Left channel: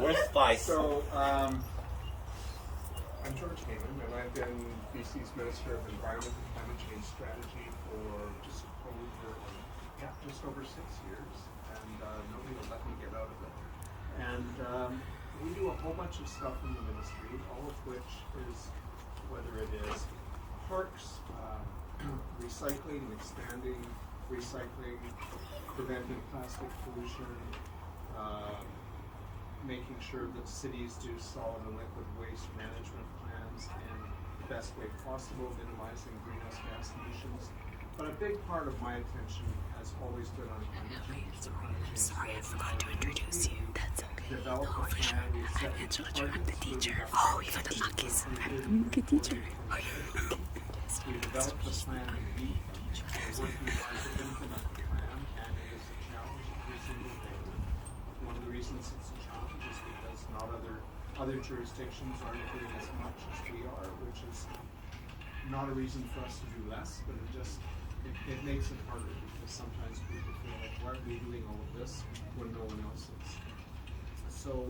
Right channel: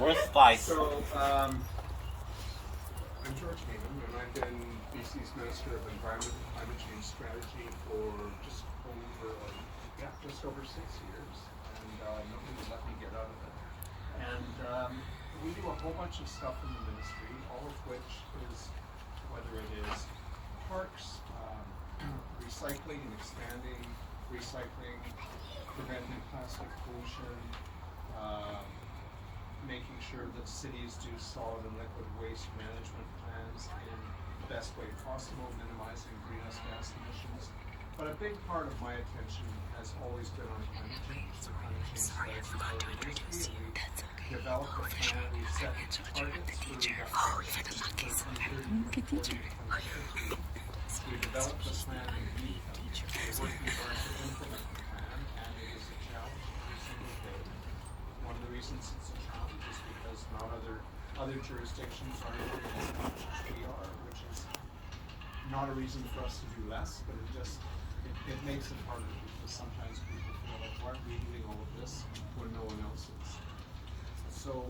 Where's Spike? So, I'm George Heyman, and I've been BC's Minister of Environment and Climate Change Strategy for just over 6 years, and nobody will let me get out of it. And we do a whole bunch of stuff in the ministry, all of which is, whether it is parks, recycling and expanding, recycling, preventing plastic pollution, making sure that cities do solid and liquid waste management plans in the best way possible, minimizing greenhouse gas emissions. But a big part of my attention has always been on climate change. Sorry, I forgot to introduce you. That's okay. Develop a plan, we set targets the teacher. Oh, even the monkeys. the teacher. We developed the plan in week. We're working hard to implement the plan, and it is a challenge every single day. One of the reasons it's a challenge is because not other jurisdictions are doing as much as we are, which is not a reason for us to do less, but it makes it harder because sometimes people feel like, why are we doing all of this when no one else is? So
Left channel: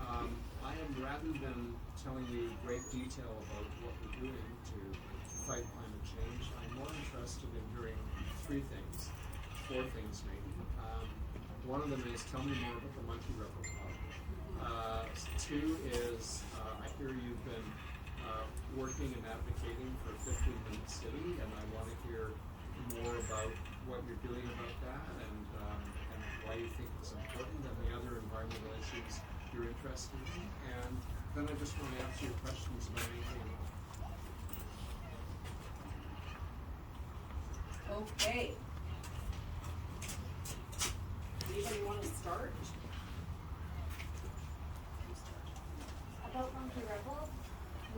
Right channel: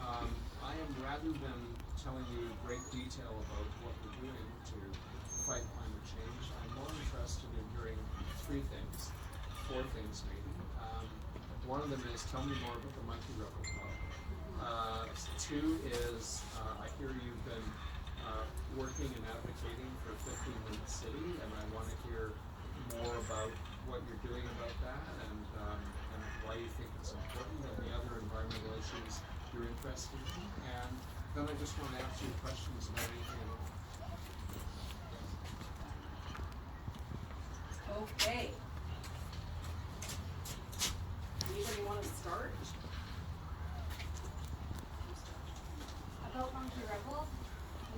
I am, rather than telling you great detail about what we're doing to fight climate change, I'm more interested in hearing four things maybe. One of them is tell me more about the Monkey Rebel Club. Two is I hear you've been working and advocating for 15-minute city, and I want to hear more about what you're doing about that and why you think it's important, and the other environmental issues you're interested in. And then I just want to answer your questions about anything at all. Okay. Anybody want to start? About Monkey Rebel,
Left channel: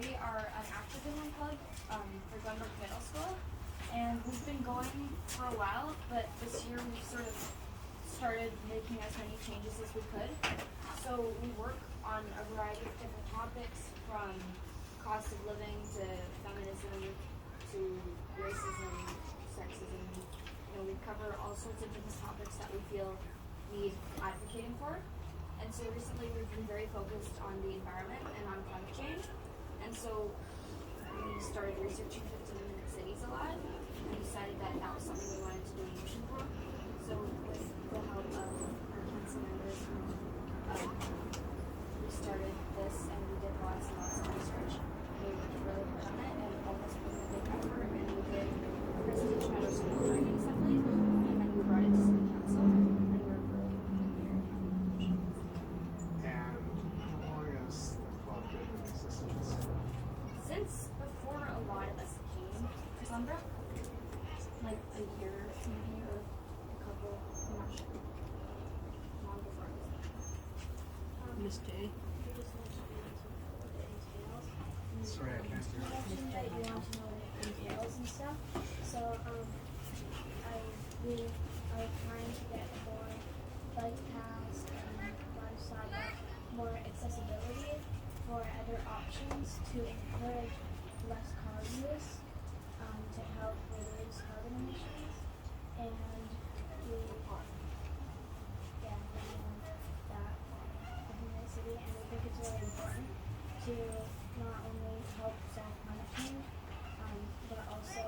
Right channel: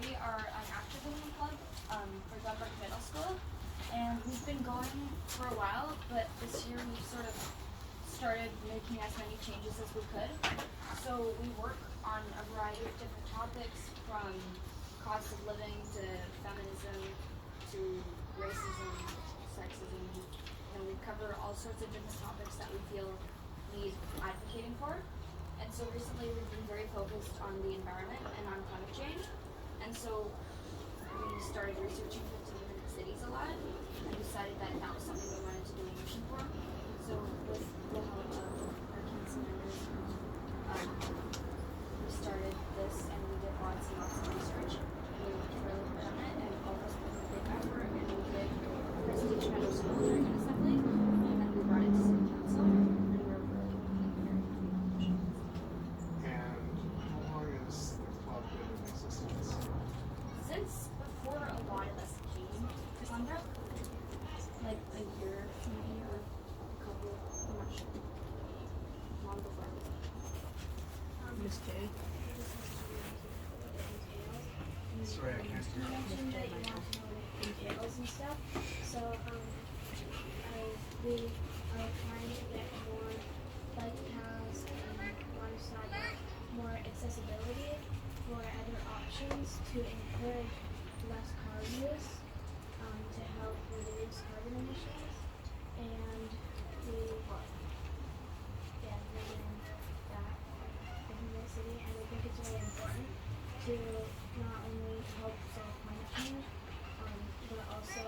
we are an activism club for Glenbrook Middle School, and we've been going for a while, but this year we've sort of started making as many changes as we could. So we work on a variety of different topics, from cost of living to feminism to racism, sexism. You know, we cover all sorts of different topics that we feel need advocating for. And so recently we've been very focused on the environment and on climate change. And so we started researching 15-minute cities a lot and decided that that was something we wanted to do a motion for. So with the help of our council members, we started this and we did lots and lots of research. We worked really hard on it, and all of us put in a big effort, and we did a presentation at our school during an assembly, and then we brought it to city council, and we're really very happy. And how long has the club been in existence? Since before a lot of us came to Glenbrook, like a year maybe, or a couple, I'm not sure. Long before. Miss Kay? Sorry, I can't You mentioned that you want to know the details and stuff, so we are trying to get more bike paths and water sidewalk, more accessibility for other options to encourage less car use, to help reduce carbon emissions, and we recommend that in the city, and we think it's really important to not only help solve climate change, but also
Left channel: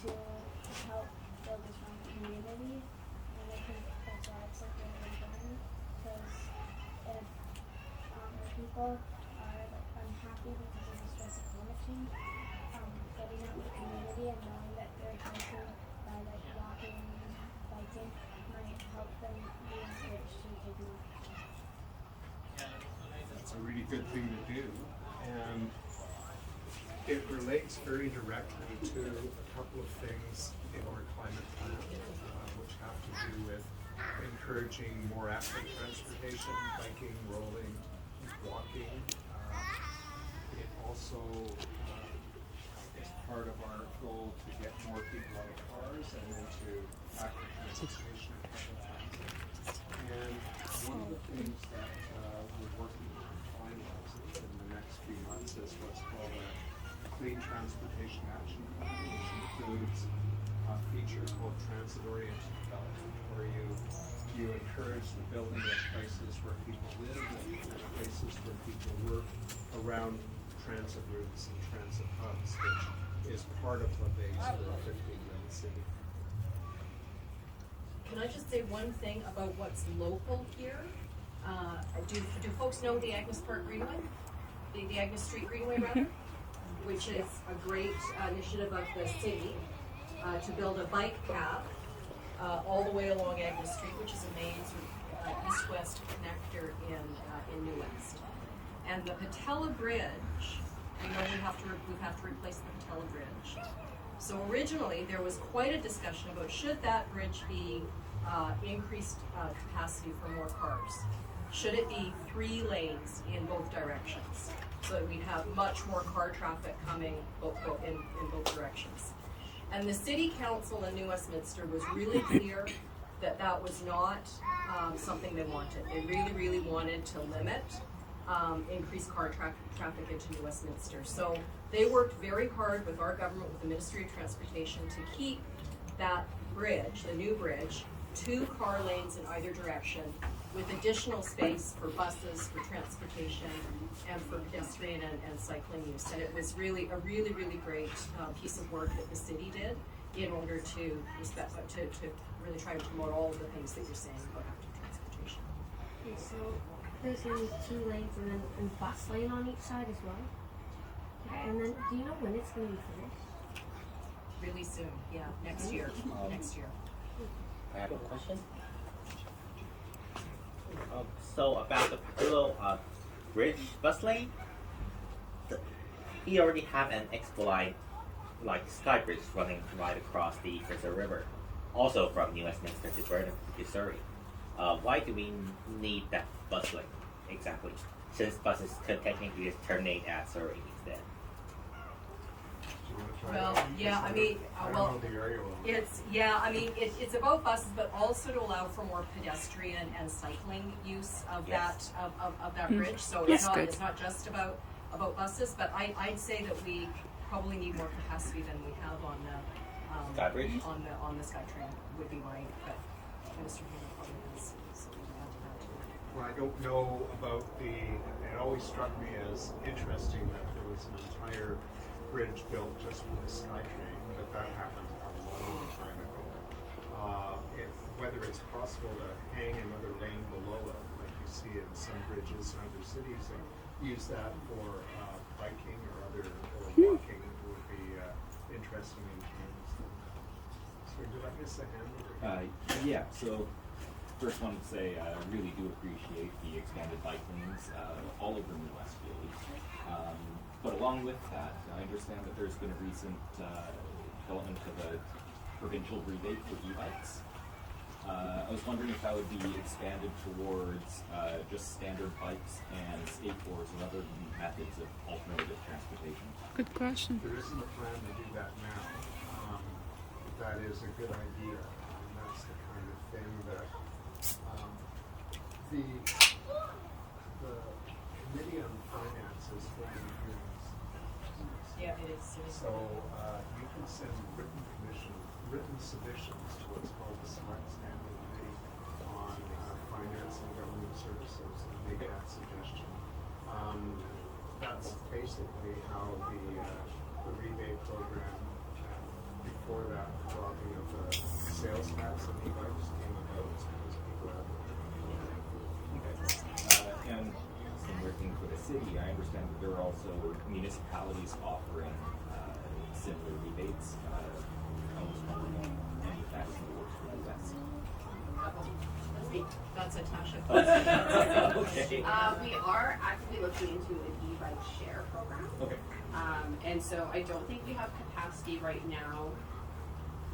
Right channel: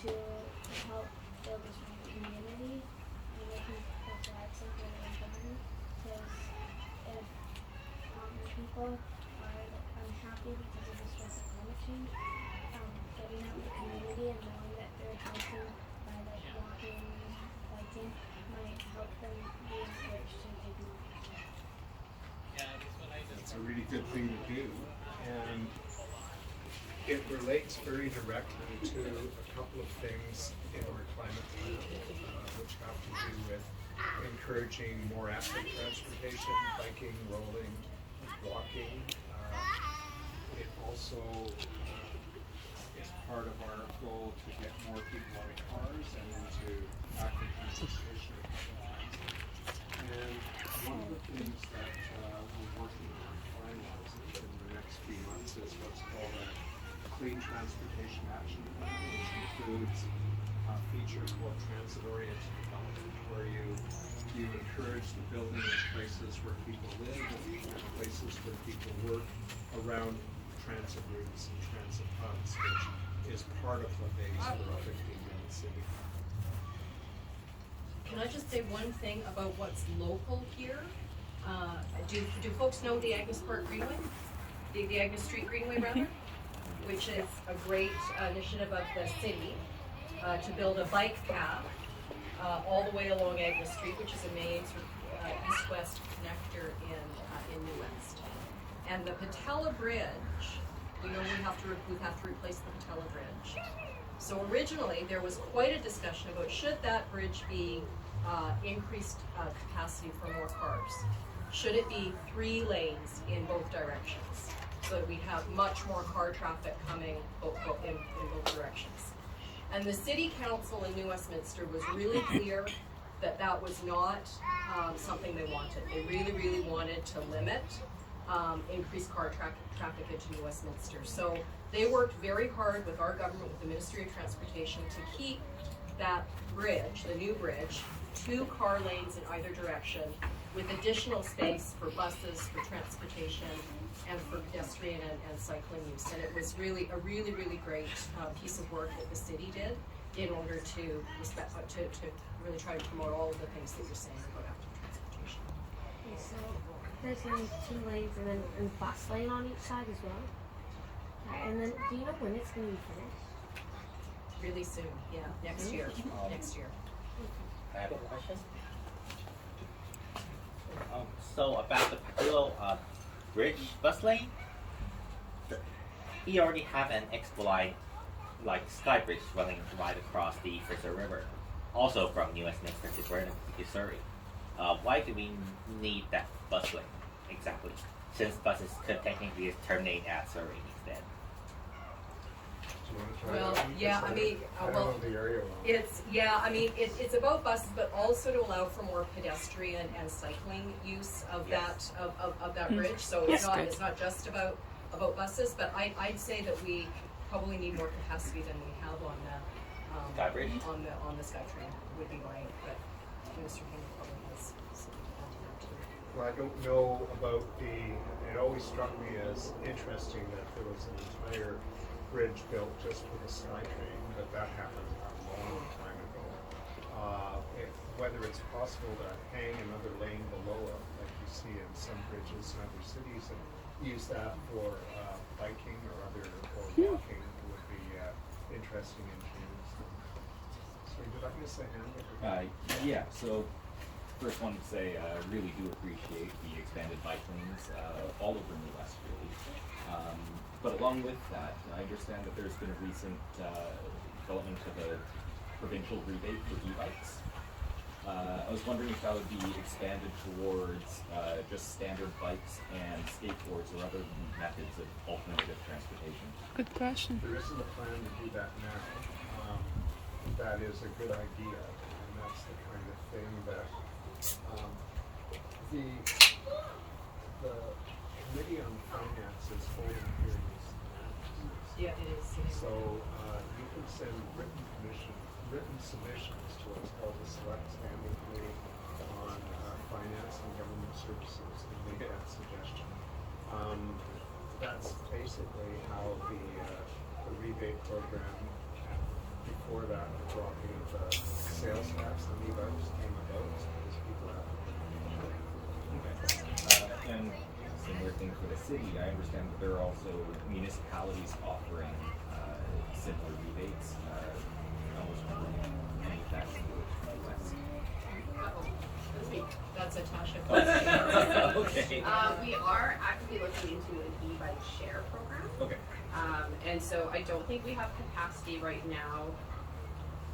to help build a strong community. And I think that's why it's like really important, because if people are like unhappy because of the stress of climate change, getting out in the community and knowing that they're healthy by like walking and biking might help them be encouraged to take more action. That's a really good thing to do, and it relates very directly to a couple of things in our climate plan, which have to do with encouraging more active transportation, biking, rolling, walking. It also is part of our goal to get more people out of cars and into active transportation and public transit. And one of the things that we're working on finalizing in the next few months is what's called a Clean Transportation Action Plan, which includes a feature called transit-oriented development, where you encourage the building of places where people live and around transit routes and transit hubs, which is part of what makes for a 15-minute city. Can I just say one thing about what's local here? Do folks know the Agnes Park Greenway? The Agnes Street Greenway rather? Which is a great initiative of the city to build a bike path all the way along Agnes Street, which is a main sort of east-west connector in New West. And the Patella Bridge, we know we have to replace the Patella Bridge. So originally there was quite a discussion about should that bridge be increased capacity for more cars? Should it be 3 lanes in both directions so that we'd have much more car traffic coming in both directions? And the city council in New Westminster was really clear that that was not something they wanted. They really wanted to limit increased car traffic into New Westminster. So they worked very hard with our government, with the Ministry of Transportation, to keep that bridge, the new bridge, 2 car lanes in either direction, with additional space for buses, for transportation, and for pedestrian and cycling use. And it was really a really great piece of work that the city did in order to really try and promote all of the things that you're saying about active transportation. Okay, so there's gonna be 2 lanes and then a bus lane on each side as well. Okay, and then do you know when it's gonna be finished? Really soon, yeah, next year. I have a question. So about the Patella bridge bus lane, we already have an expo line like Sky Bridge running right across the Fraser River, also from New Westminster to Burnham to Surrey. Why do we need that bus lane exactly? Since buses could technically just terminate at Surrey instead. Well, yeah, I mean, I don't well, know the area well. It's about buses, but also to allow for more pedestrian and cycling use of Yes. that bridge. So it's That's not good. it's not just about buses, but I'd say that we probably need more capacity than we have on the Sky Bridge? on the SkyTrain would be my but Minister Heyman probably has something to add to that too. Well, I don't know about it always struck me as interesting that there was an entire bridge built just for the SkyTrain, but that happened a long time ago. Whether it's possible to hang another lane below it, like you see in some bridges in other cities, and use that for biking or walking would be interesting in terms of. So did I miss a hand over here? Yeah, so first wanted to say I really do appreciate the expanded bike lanes all over New West, really. But along with that, I understand that there's been a recent development of a provincial rebate for e-bikes. I was wondering if that would be expanded towards just standard bikes and skateboards or other methods of alternative transportation. Good question. There isn't a plan to do that now. That is a good idea, and that's the kind of thing that the Committee on Finance is holding hearings. Yeah, it is. So you can send written submissions to what's called the Select Standing Committee on Finance and Government Services and make that suggestion. That's basically how the rebate program, before that, the dropping of the sales tax on e-bikes came about, because people have. And in working for the city, I understand that there are also municipalities offering similar rebates. I was wondering if any of that's in the works for the West. That's a Tasha. Okay. We are actively looking into an e-bike share program. Okay. And so I don't think we have capacity right now.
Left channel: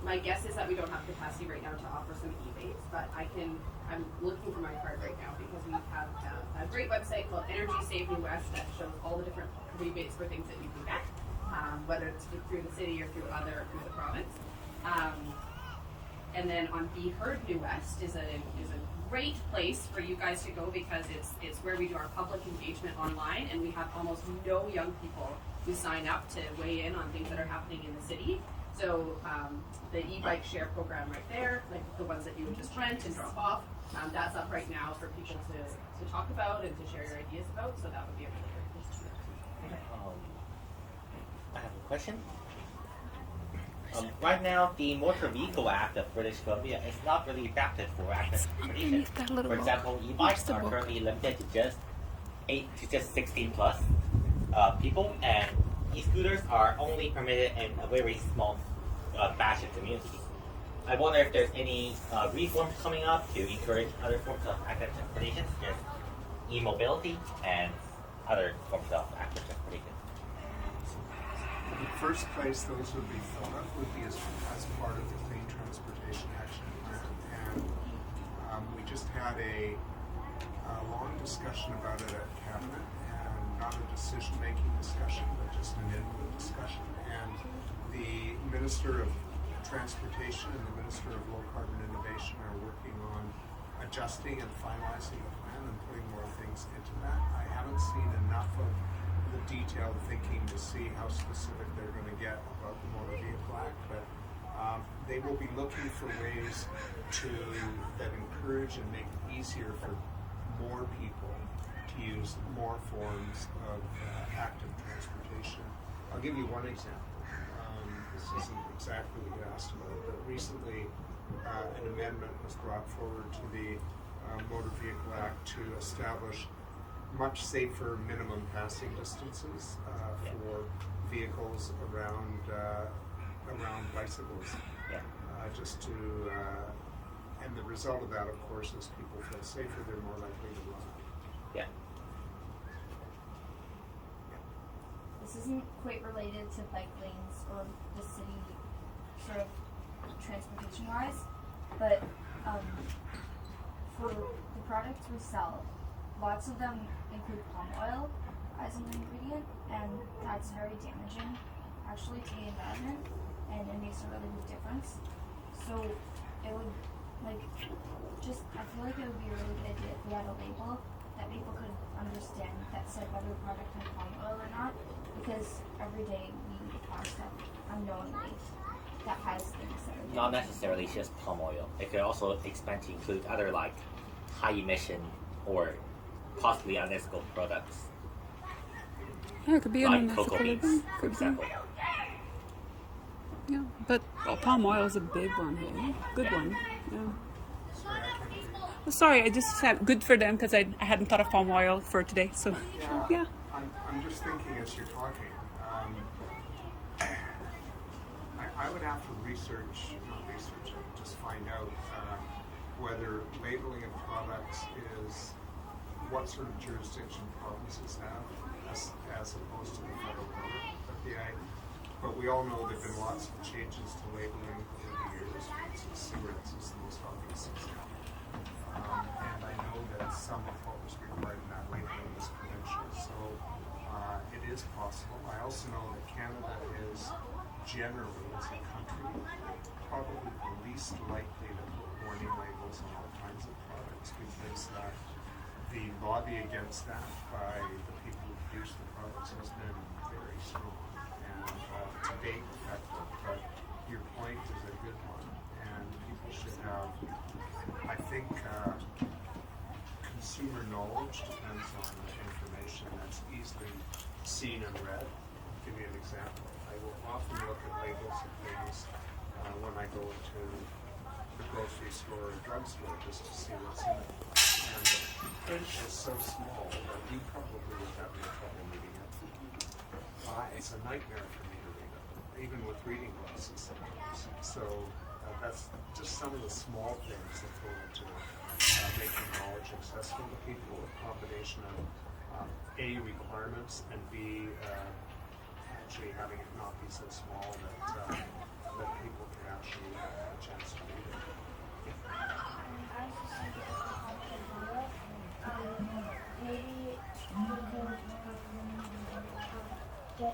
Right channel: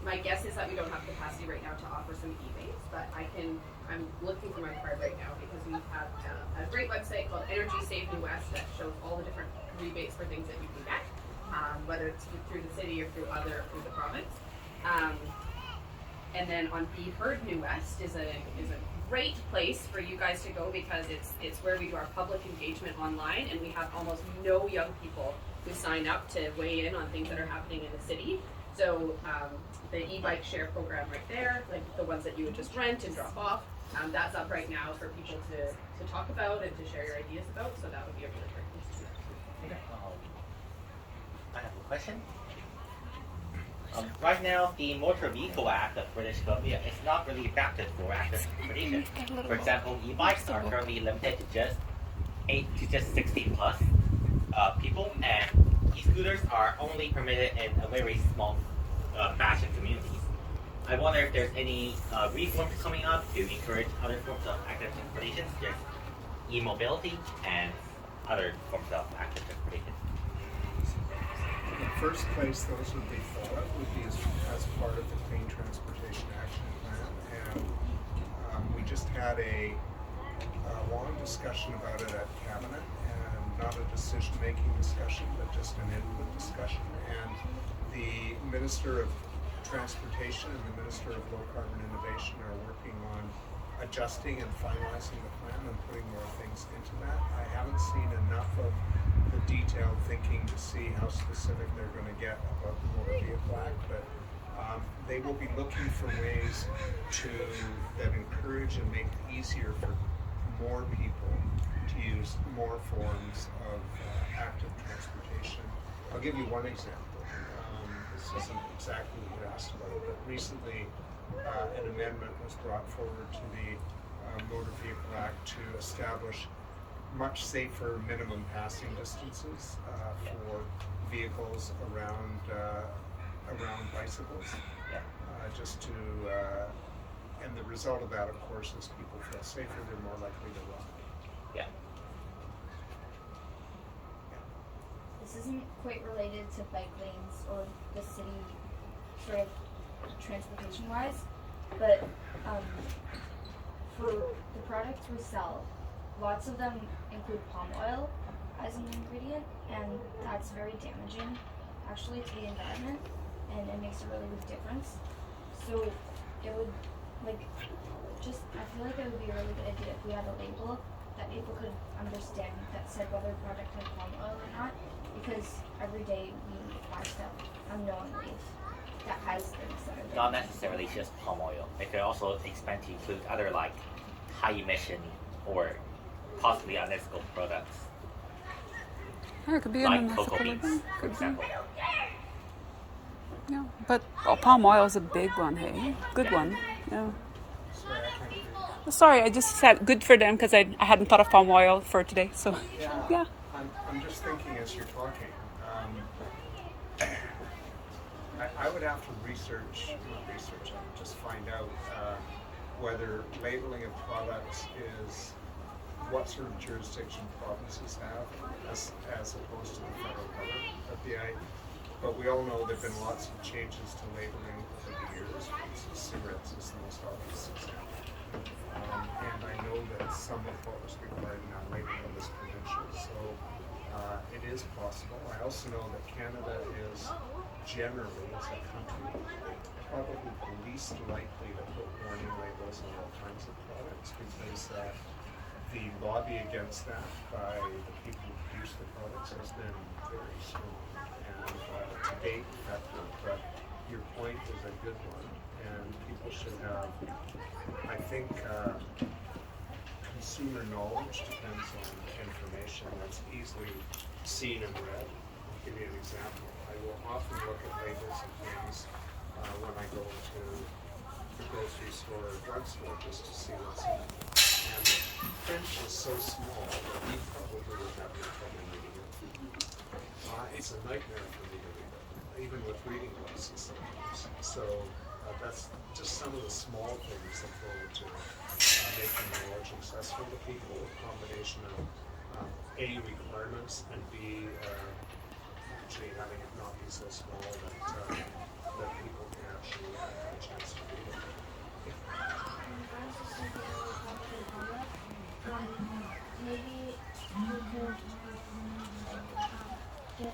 My guess is that we don't have capacity right now to offer some rebates, but I'm looking for my card right now because we have a great website called Energy Save New West that shows all the different rebates for things that we can get, whether it's through the city or through the province. And then on Be Heard New West is a great place for you guys to go because it's where we do our public engagement online, and we have almost no young people who sign up to weigh in on things that are happening in the city. So the e-bike share program right there, like the ones that you would just rent and drop off, That's up right now for people to talk about and to share your ideas about, so that would be a really great place to do that. I have a question. Right now, the Motor Vehicle Act of British Columbia is not really adapted for active transportation. That little For example, e-bikes are currently limited to just 8 to just 16 plus people, and e-scooters are only permitted in a very small batch of communities. I wonder if there's any reforms coming up to encourage other forms of active transportation, such as e-mobility and other forms of active transportation. In the first place, those would be thought of would be as part of the Clean Transportation Action Plan. And we just had a long discussion about it at Cabinet, and not a decision-making discussion, but just an input discussion. And the Minister of Transportation and the Minister of Low Carbon Innovation are working on adjusting and finalizing the plan and putting more things into that. I haven't seen enough of the detailed thinking to see how specific they're going to get about the Motor Vehicle Act, but they will be looking for ways that encourage and make it easier for more people to use more forms of active transportation. I'll give you one example. This isn't exactly what you asked about it, but recently an amendment was brought forward to the Motor Vehicle Act to establish much safer minimum passing distances for vehicles around bicycles. Just to, and the result of that, of course, is people feel safer, they're more likely to run. Yeah. This isn't quite related to bike lanes or the city sort of transportation wise, but for the products we sell, lots of them include palm oil as an ingredient, and that's very damaging actually to the environment, and it makes a really big difference. So it would, I feel like it would be a really good idea if we had a label that people could understand that said whether a product had palm oil or not, because every day we buy stuff unknowingly that has things that are Not damaging. necessarily just palm oil. They could also expand to include other like high emission or possibly unethical products. Oh, it could be an Like unethical cocoa beans, living. for Could be. example. Yeah, but palm oil is a big one, hey? Good one. Yeah. Sorry, I can't hear you. Sorry, I just said good for them because I hadn't thought of palm oil for today. So, yeah. I'm just thinking as you're talking. I would have to not research, I would just find out whether labeling of products is what sort of jurisdiction provinces have as opposed to the federal government. But we all know there have been lots of changes to labeling over the years. For instance, cigarettes is the most obvious example. And I know that some of what was required in that labeling was provincial, so it is possible. I also know that Canada is generally, as a country, probably the least likely to put warning labels on all kinds of products, because the lobby against that by the people who produce the products has been very strong and to date effective. But your point is a good one, and people should have, I think, consumer knowledge depends on information that's easily seen and read. I'll give you an example. I will often look at labels of things when I go into the grocery store or drugstore just to see what's in it. And print is so small that you probably would have no trouble reading it. It's a nightmare for me to read it, even with reading glasses sometimes. So that's just some of the small things that go into making knowledge accessible to people, a combination of A, requirements, and B, actually having it not be so small that people can actually have a chance to read it. I was just thinking about topic in Canada. Maybe we could get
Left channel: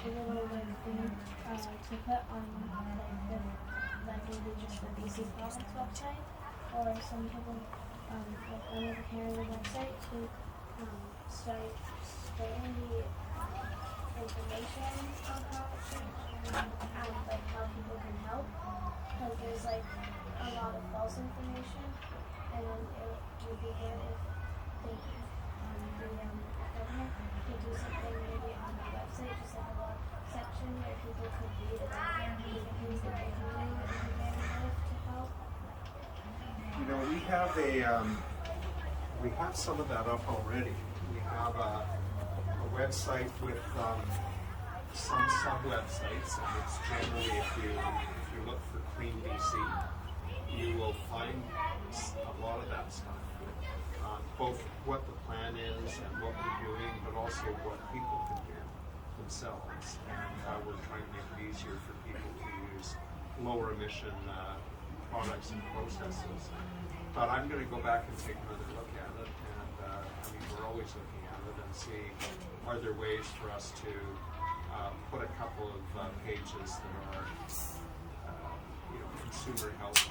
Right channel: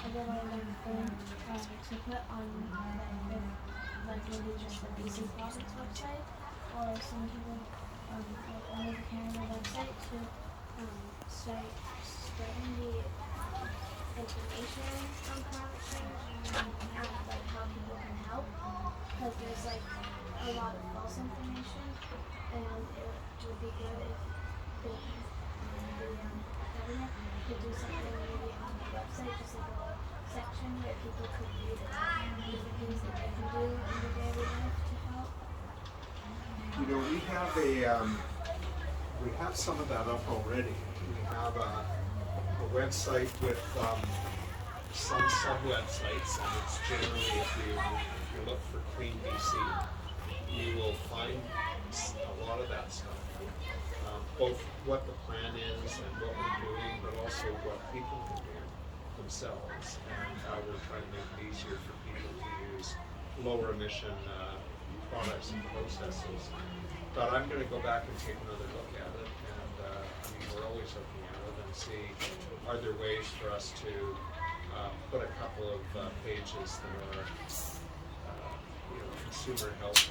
together a little thing to put on maybe just the BC province website or some type of one of the Canada website to start spreading the information on climate change and how people can help, because there's a lot of false information, and it would be good if the government could do something maybe on the website, just like a little section where people could read about different things that they can do in their daily life to help. You know, we have some of that up already. We have a website with some websites, and it's generally, if you look for Clean BC, you will find a lot of that stuff. Both what the plan is and what we're doing, but also what people can do themselves, and how we're trying to make it easier for people to use lower emission products and processes. But I'm going to go back and take another look at it, and I mean, we're always looking at it and see, are there ways for us to put a couple of pages that are consumer health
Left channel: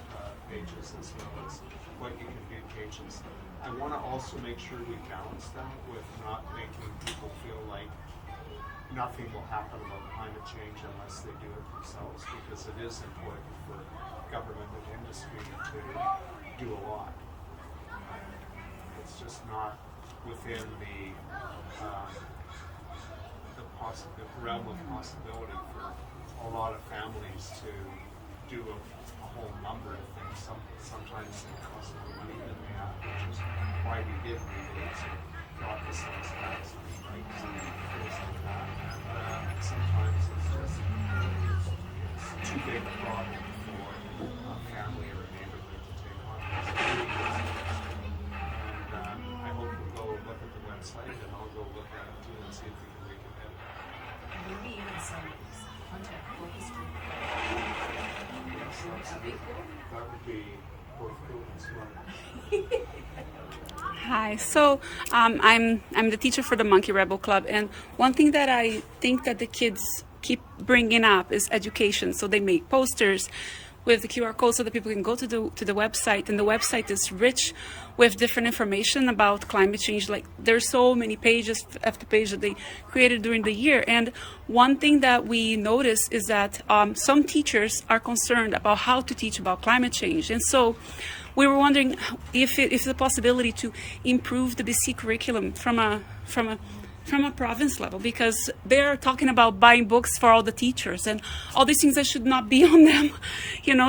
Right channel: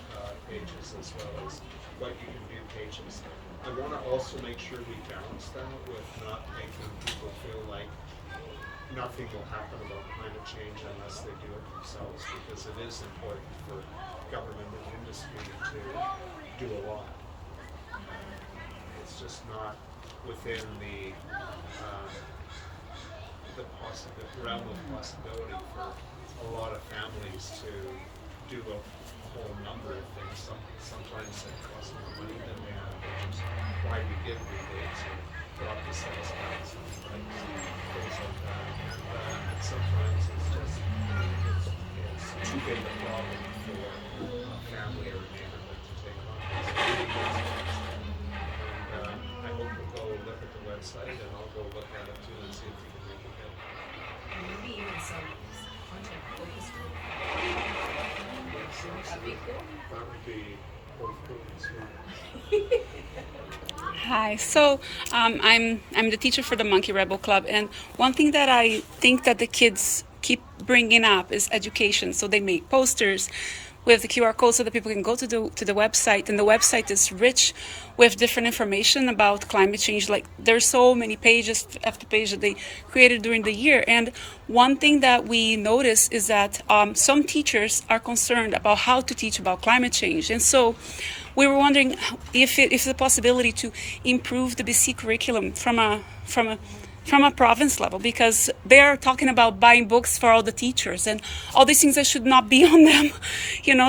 pages, as well as what you can do pages. I want to also make sure we balance that with not making people feel like nothing will happen about climate change unless they do it themselves, because it is important for government and industry to do a lot. It's just not within the realm of possibility for a lot of families to do a whole number of things. Sometimes it costs more money than they have, which is why we give rebates and drop the sales tax and things like that. And sometimes it's just it's too big a problem for a family or a neighborhood to take on. It's really good things. And I hope we'll go look at the website, and I'll go look at it too and see if we can make it better. Maybe even some content focus group. That'd be cool. That would be both cool and smart. Hi, so I'm the teacher for the Monkey Rebel Club, and one thing that I think that the kids keep bringing up is education. So they make posters with the QR code so that people can go to the website, and the website is rich with different information about climate change. Like, there's so many pages after page that they created during the year. And one thing that we notice is that some teachers are concerned about how to teach about climate change. And so we were wondering if it's a possibility to improve the BC curriculum from a province level, because they're talking about buying books for all the teachers and all these things that should not be on them,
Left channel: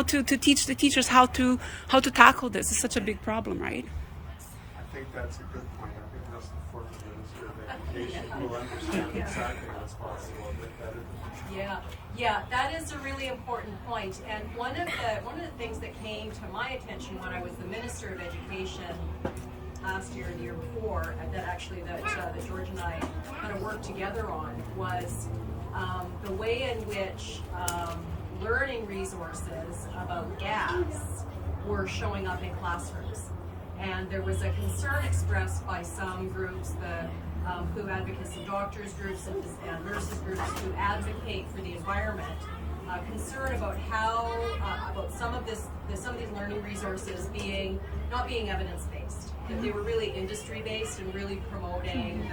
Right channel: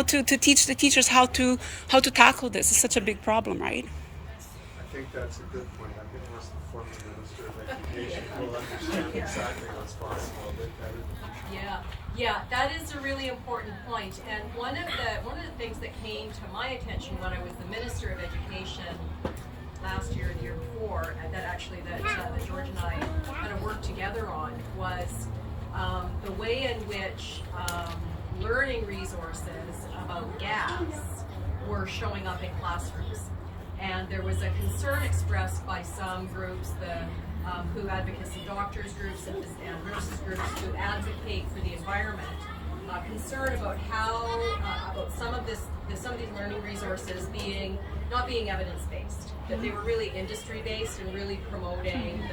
to teach the teachers how to tackle this. It's such a big problem, right? I think that's a good point. I think that's the former Minister of Education who will understand exactly what's possible a bit better than Yeah, that is a really important point. And one of the things that came to my attention when I was the Minister of Education last year and the year before, that George and I kind of worked together on, was the way in which learning resources about gas were showing up in classrooms. And there was a concern expressed by some groups, the WHO advocacy doctors groups and nurses groups who advocate for the environment, concern about how about some of these learning resources not being evidence-based, that they were really industry-based and really promoting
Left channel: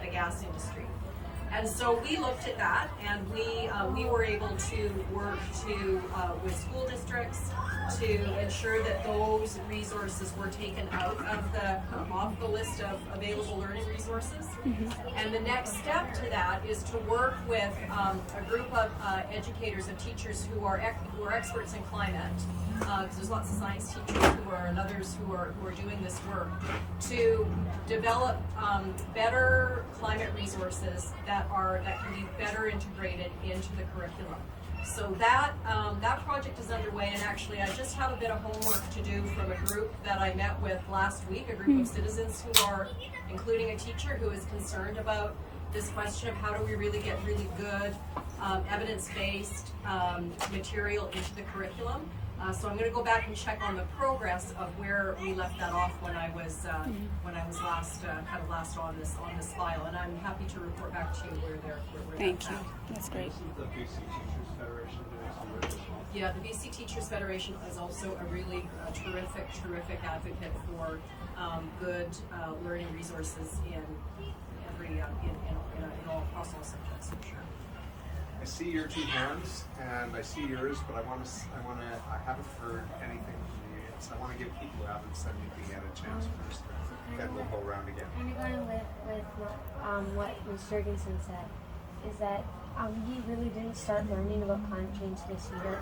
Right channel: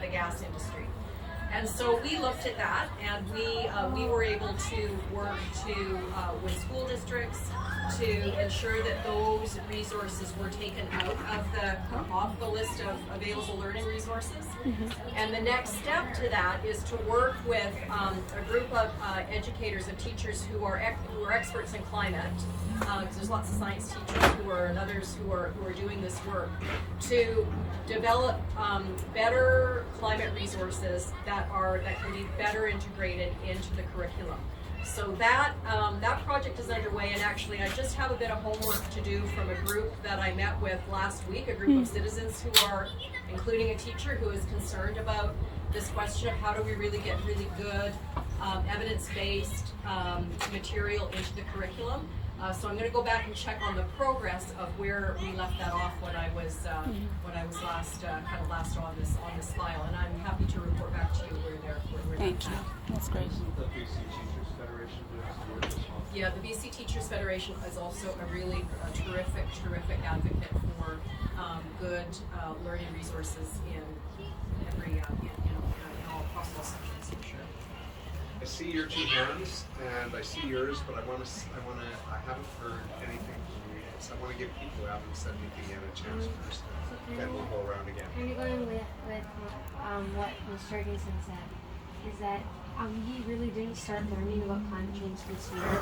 the gas industry. And so we looked at that, and we were able to work with school districts to ensure that those resources were taken out of off the list of available learning resources. Mm-hmm. And the next step to that is to work with a group of educators and teachers who are experts in climate, because there's lots of science teachers and others who are doing this work, to develop better climate resources that can be better integrated into the curriculum. So that project is underway, and actually I just have a bit of homework to do from a group that I met with last week, a group of citizens who are, including a teacher who is concerned about this question of how do we really get really good evidence-based material into the curriculum. So I'm going to go back and check on the progress of where we left that off when I was last on this file, and I'm happy to report back to you where Thank you. That's great. the BC Teachers Federation doing some work as well. Yeah, the BC Teachers Federation is also a really terrific advocate for good learning resources in every in all across all subjects, for sure. I see your two hands and I see yours, but I haven't heard anything So I wanna give people who haven't said anything yet a chance first, then we'll go around again. Kind of going with what Ms. Jurgensen said, is that we really didn't start learning about climate change this year.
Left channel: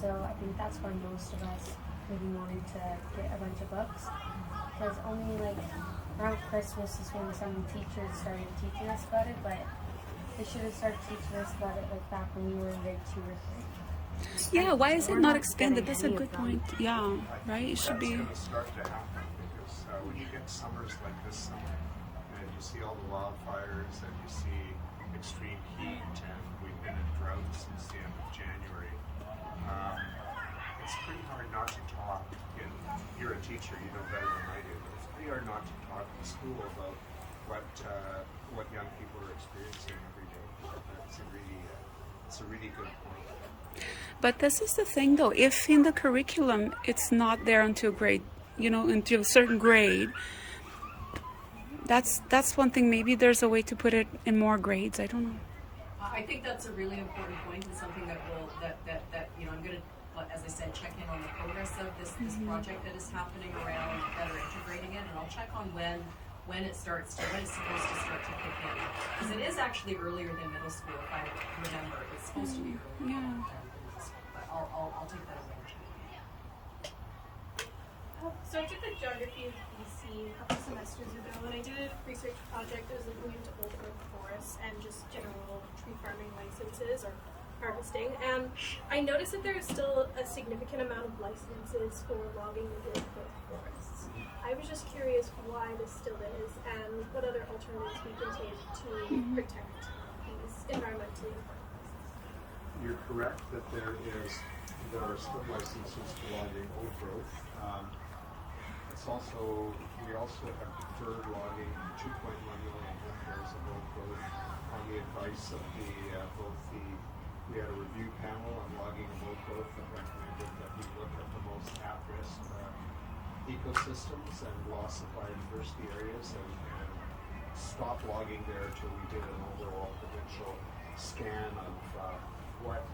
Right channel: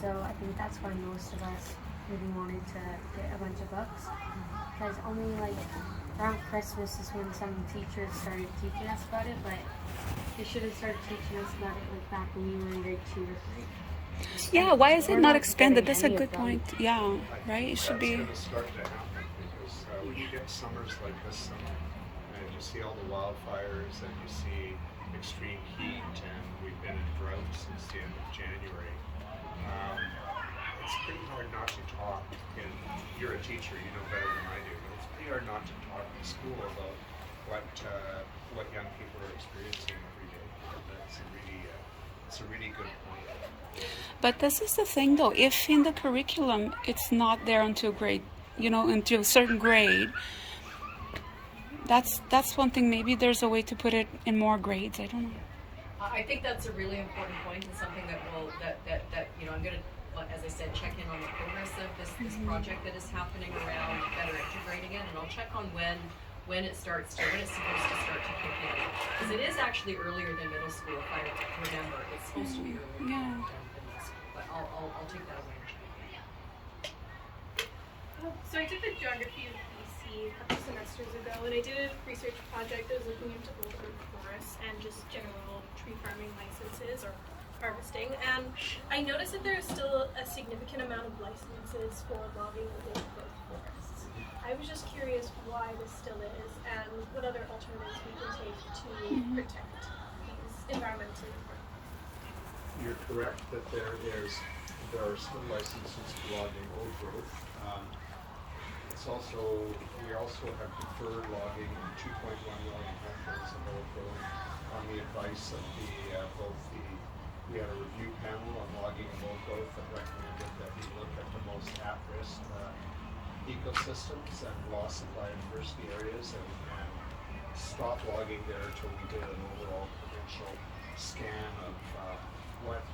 So I think that's why most of us really wanted to get a bunch of books, because only like around Christmas is when some teachers started teaching us about it, but they should have started teaching us about it like back when we were in grade 2 or 3. Yeah, why is it We're not not expanded? getting That's a any of good them. point. Yeah, right? It should be. That's gonna start to happen, because when you get summers like this summer, and you see all the wildfires, and you see extreme heat, and we've been in drought since the end of January, it's pretty hard not to talk. You're a teacher, you know better than I do, but it's pretty hard not to talk in school about what young people are experiencing every day. It's a really good point. But this is the thing, though. If in the curriculum it's not there until grade, until a certain grade, that's one thing. Maybe there's a way to put it in more grades. I don't know. I think that's a really important point, and something that I'm gonna, as I said, check in on the progress of this project that is happening around better integrating it, and I'll check on when it's supposed to start to kick in, because it is actually earlier than middle school, if I remember. It's supposed to be earlier Yeah. than middle school, but I'll take that away and check. So I took the geography of BC a couple semesters ago, and I did a research project that was looking into old growth forests and just general tree farming licenses or harvesting. And I noticed that there is still a significant amount of licenses for logging of old growth forests. I was just curious why this still is, and what other alternatives we can take to protect these environmentally important forests. You're correct that there are still licenses for logging old growth. We also have deferred logging 2.1 million hectares of old growth on the advice of we had a review panel on logging of old growth that recommended that we look at the most at-risk ecosystems and loss of biodiversity areas and stop logging there until we did an overall provincial scan of what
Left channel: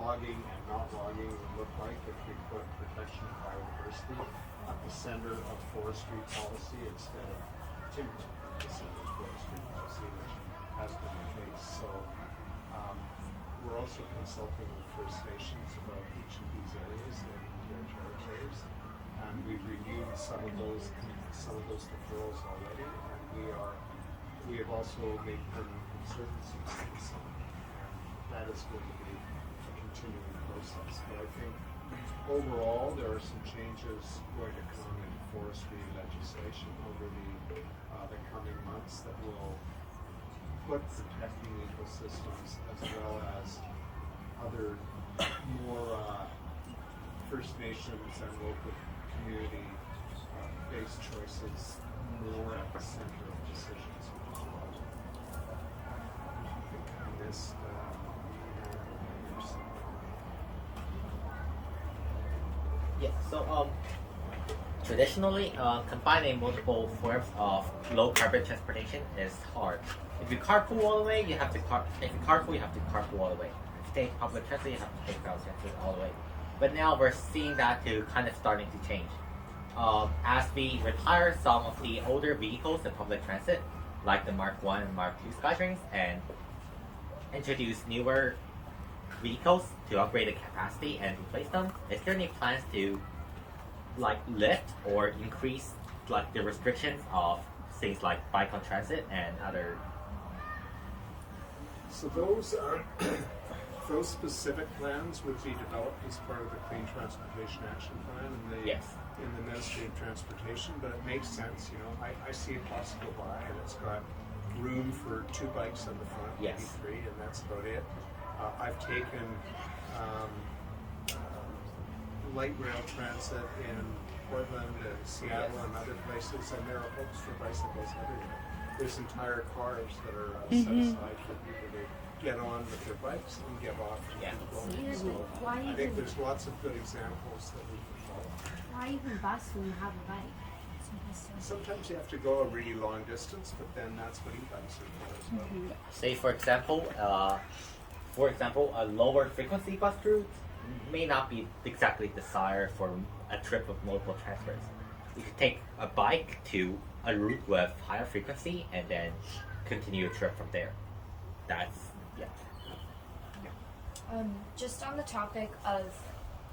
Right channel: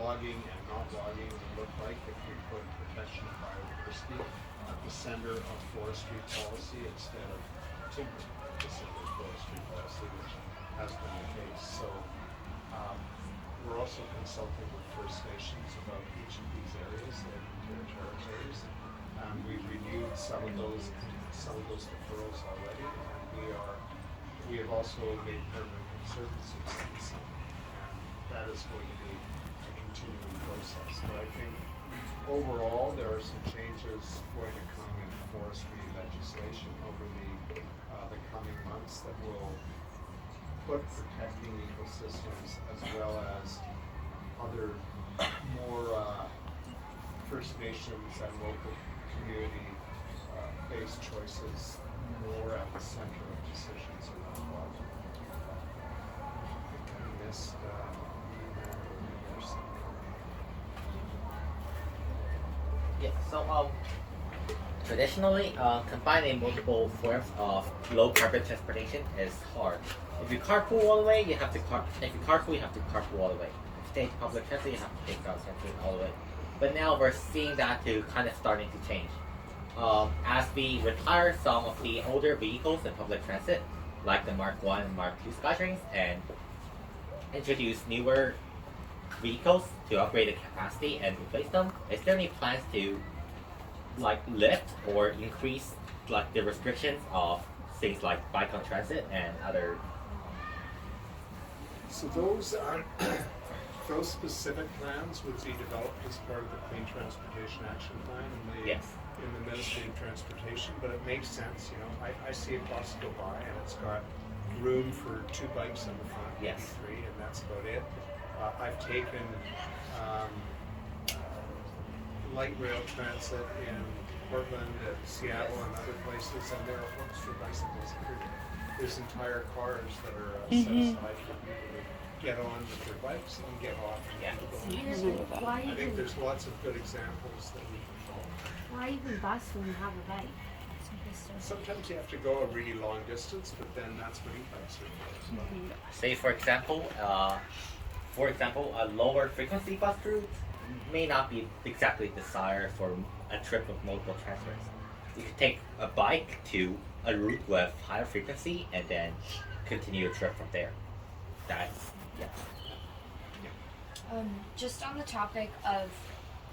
logging and not logging would look like if we put protection of biodiversity at the center of forestry policy instead of timber at the center of forestry policy, which has been the case. So we're also consulting with First Nations about each of these areas and their territories. And we've renewed some of those deferrals already, and we have also made permanent conservancies in some, and that is going to be a continuing process. But I think overall there are some changes going to come in forestry legislation over the coming months that will put protecting ecosystems as well as other more First Nations and local community based choices more at the center of decisions around water. I think I missed Rand over here somewhere. Yeah, so traditionally, combining multiple forms of low carbon transportation is hard. If you carpool all the way, you have to carpool all the way. If you take public transit, you have to take public transit all the way. But now we're seeing that to kind of starting to change. As we retire some of the older vehicles in public transit, like the Mark 1 and Mark 2 SkyTrains, and introduce newer vehicles to upgrade the capacity and replace them, is there any plans to lift or increase the restrictions of things like bike on transit and other? So those specific plans would be developed as part of the Clean Transportation Action Plan in the Ministry of Transportation, but it makes sense, I see a bus go by and it's got room for 2 bikes on the front, maybe 3, and that's about it. I've taken light rail transit in Portland and Seattle and other places, and there are hooks for bicycles everywhere. There's entire cars that are set aside for people to get on with their bikes and get off and keep going. So I think there's lots of good examples that we can follow. Why even bus when you have a bike? Sometimes you have to go a really long distance, but then that's what e-bikes are for as well. Say for example, a lower frequency bus route may not be exactly desired for a trip with multiple transfers. You could take a bike to a route with higher frequency and then continue a trip from there. That's yeah. Just on the topic of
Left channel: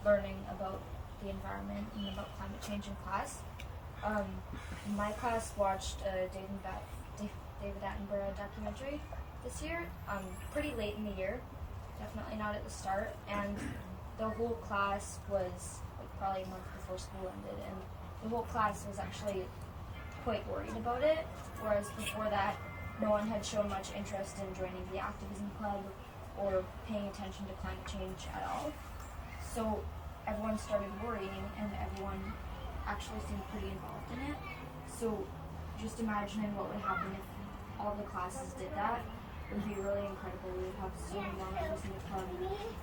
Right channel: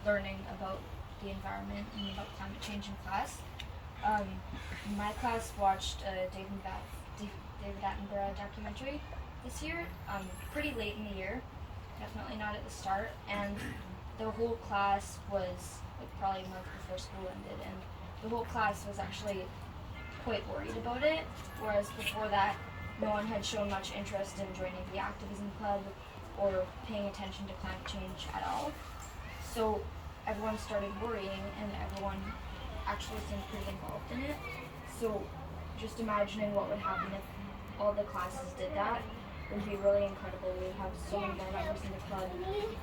learning about the environment and about climate change in class, my class watched a David Attenborough documentary this year, pretty late in the year, definitely not at the start, and the whole class was like probably a month before school ended, and the whole class was actually quite worried about it, whereas before that no one had shown much interest in joining the activism club or paying attention to climate change at all. So everyone started worrying and everyone actually seemed pretty involved in it. So just imagining what would happen if all the classes did that would be really incredible. We would have so many more members in the club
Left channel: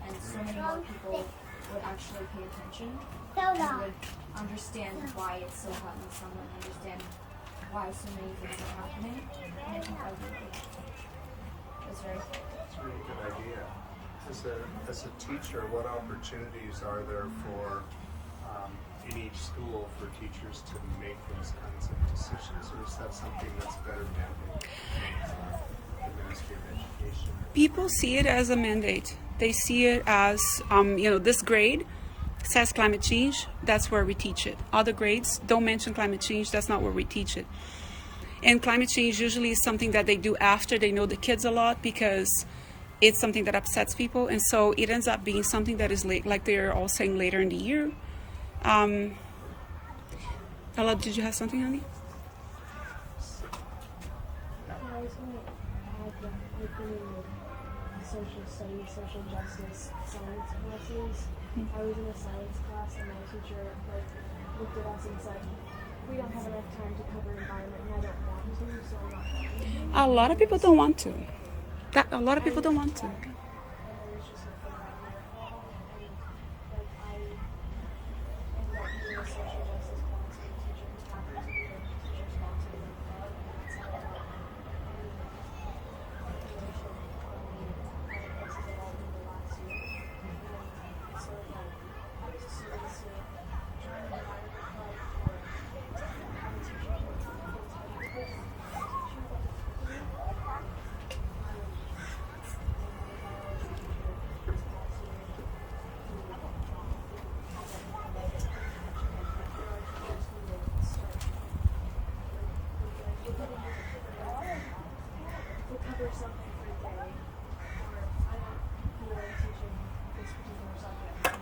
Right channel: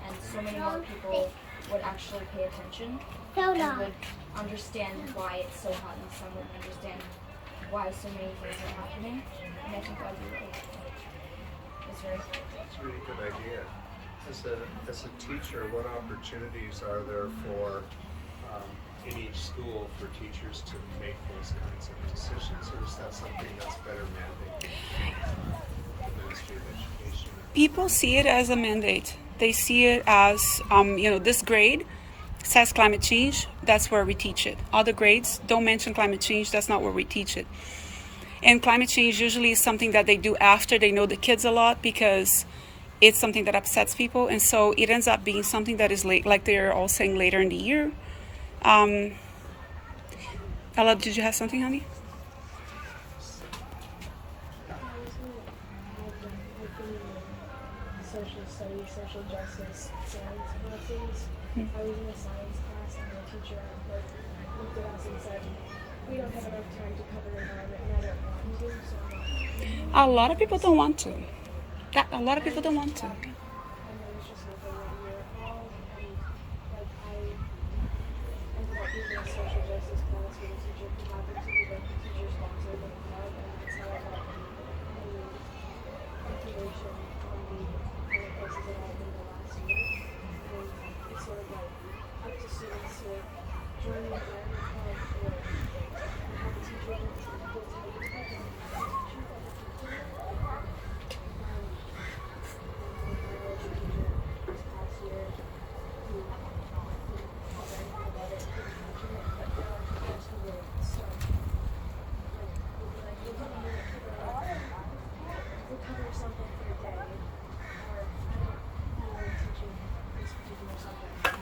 and so many more people would actually pay attention and would understand why it's so hot in the summer and understand why so many things are happening. And I think that would be really it's very That's a really good idea. As a teacher, what opportunities are there for in each school for teachers to make those kinds of decisions, or is that something that's better mandated the Ministry of Education? People see it as a mandate. They see it as, this grade says climate change, that's where we teach it. Other grades don't mention climate change, that's not where we teach it. And climate change usually is something that they do after they know the kids a lot because it's something that upsets people. And so it ends up being something that is late, like they're all saying later in the year. Ella, did you have something, honey? I was going to add that within the social studies, social justice, science classes, I was in a science class and my teacher looked at us and said, we don't have enough time to cover environment and I don't want to, so I'm not. A lot of people don't want to. A lot of people don't want to. And there was just nothing that year at all. And like I ended up being in a social justice class with a teacher who happened to be the teacher sponsor of the club, and that's how I got information on other places that I've been the last year. And it's sort of like up to students to join the environment club or have a teacher who feels like it's teaching that we're talking about. Something for a day, or I don't feel like teaching this particular subject. I've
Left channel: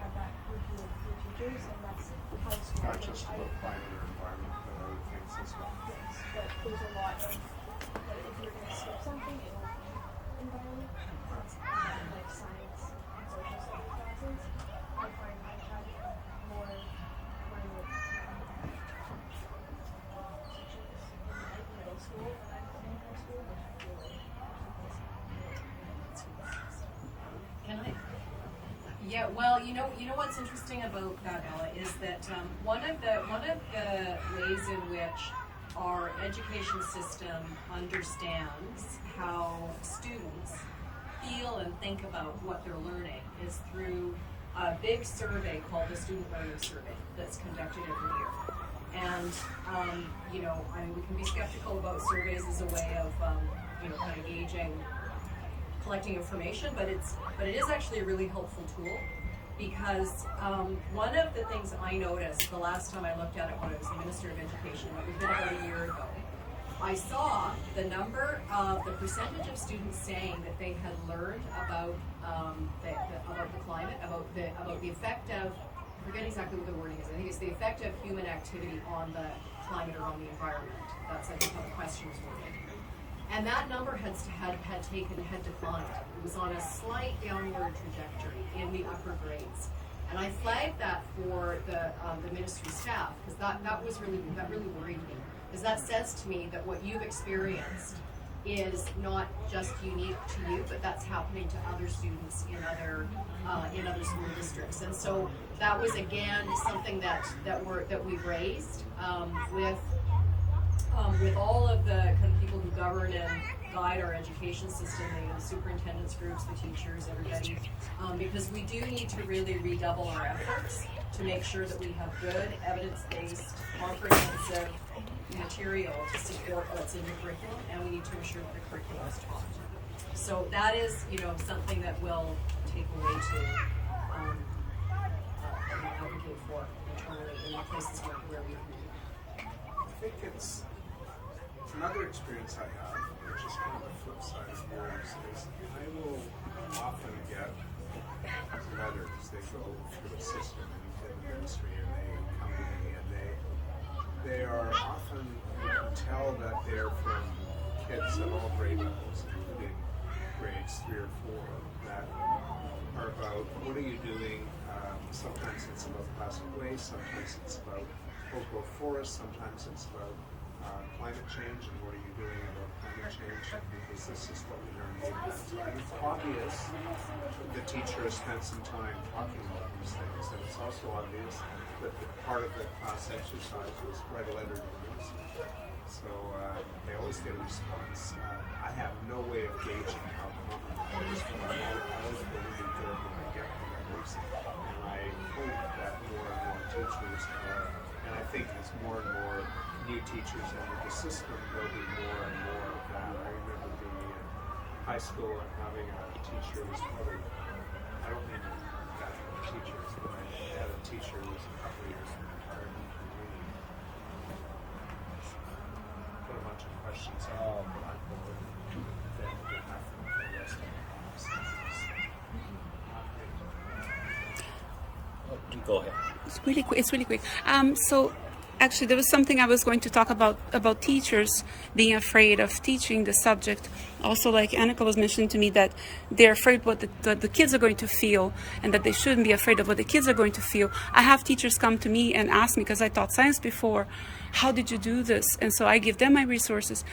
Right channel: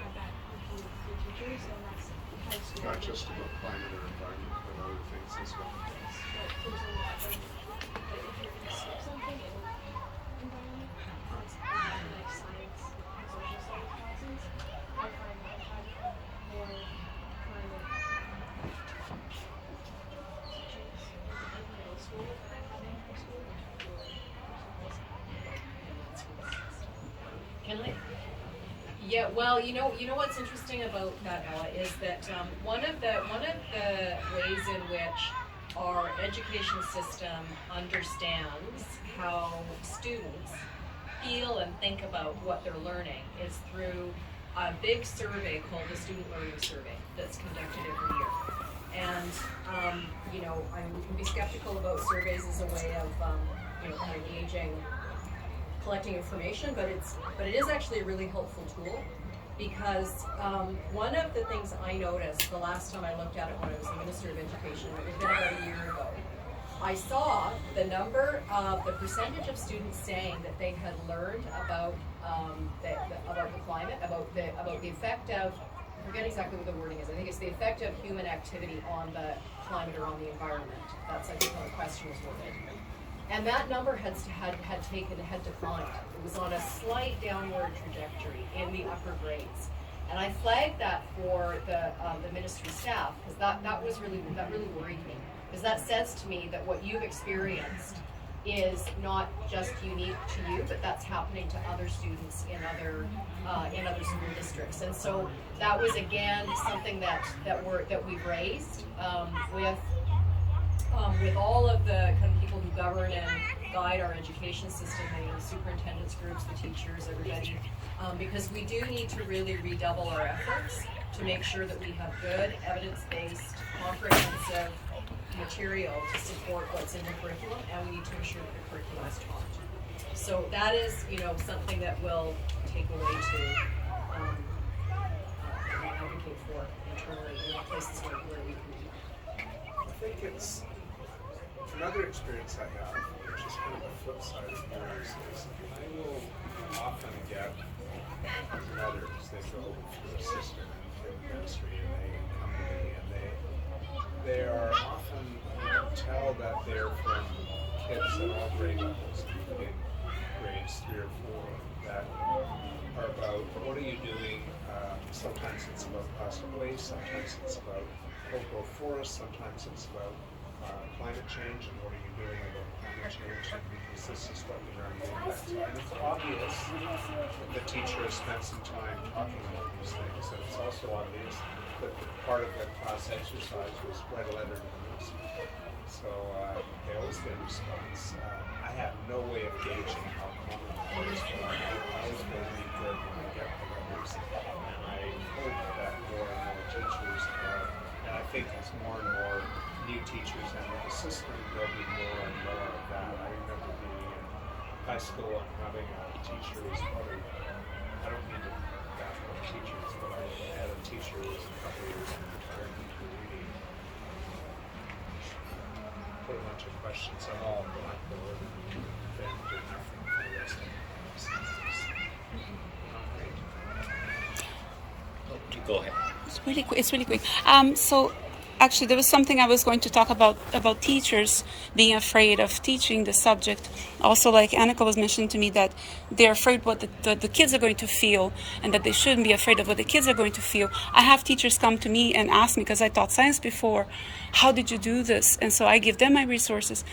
had that with the teachers, and that's high school. Not just about climate or environment, but other things as well. Yes, but there's a lot of, like, if you're going to skip something, it'll environment. That's like science and social studies classes. I find I've had more climate sections in middle school than in high school, which I feel like Can I? Yeah, well, you know what's interesting about that, Ella, is that one of the ways in which our education system understands how students feel and think about what they're learning is through a big survey called the Student Learning Survey that's conducted every year. And I mean, we can be skeptical about surveys as a way of kind of gauging, collecting information, but it is actually a really helpful tool because one of the things I noticed the last time I looked at it when I was the Minister of Education, it was been about a year ago, I saw the percentage of students saying that they had learned about the climate, about the effect of, I forget exactly what the wording is, I think it's the effect of human activity on the climate or on the environment. That's I think how the question was worded. And that number had declined. It was on a slight downward trajectory in the upper grades. And I flagged that for the ministry staff because that really worried me. Because that says to me that what you've experienced is not just unique to you, but that's happening to other students in other school districts. And so that was again something that we raised with with all of the kind of people who govern and guide our education system, the superintendents groups, the teachers, everybody, because we do need to really redouble our efforts to make sure that we have good, evidence-based, comprehensive material to support what's in the curriculum, and we need to ensure that the curriculum is taught. So that is, something that we'll take away to advocate for internally in the places where we can do that. I think it's another experience I have, which is kind of the flip side of yours, is I will often get letters, they go through the system in the ministry, and they come to me, and they are often, you can tell that they're from kids at all grade levels, including grades 3 or 4, that are about, what are you doing? Sometimes it's about plastic waste, sometimes it's about oak growth forests, sometimes it's about climate change, and what are you doing about climate change, because this is what we learned in that time. It's obvious that the teacher has spent some time talking about these things, and it's also obvious that the part of the class exercise was write a letter to the minister. So they always get a response. I have no way of gauging how common it is, but I always believe good when I get the letters, and I hope that more and more teachers are, and I think as more and more new teachers enter the system, there'll be more and more of that. I remember being in high school and having a teacher who's probably, I don't mean to bash on teachers, but I had a teacher who was a couple of years in retirement who really put a bunch of questions on the blackboard and then did nothing for the rest of the class. Not great. Go ahead. It's really quick. So actually, there was something I was going to talk about teachers being afraid of teaching the subject. Also, like Annika was mentioning to me, that they're afraid what the kids are going to feel, and that they shouldn't be afraid of what the kids are going to feel. I have teachers come to me and ask me, because I taught science before, how did you do this? And so I give them my resources.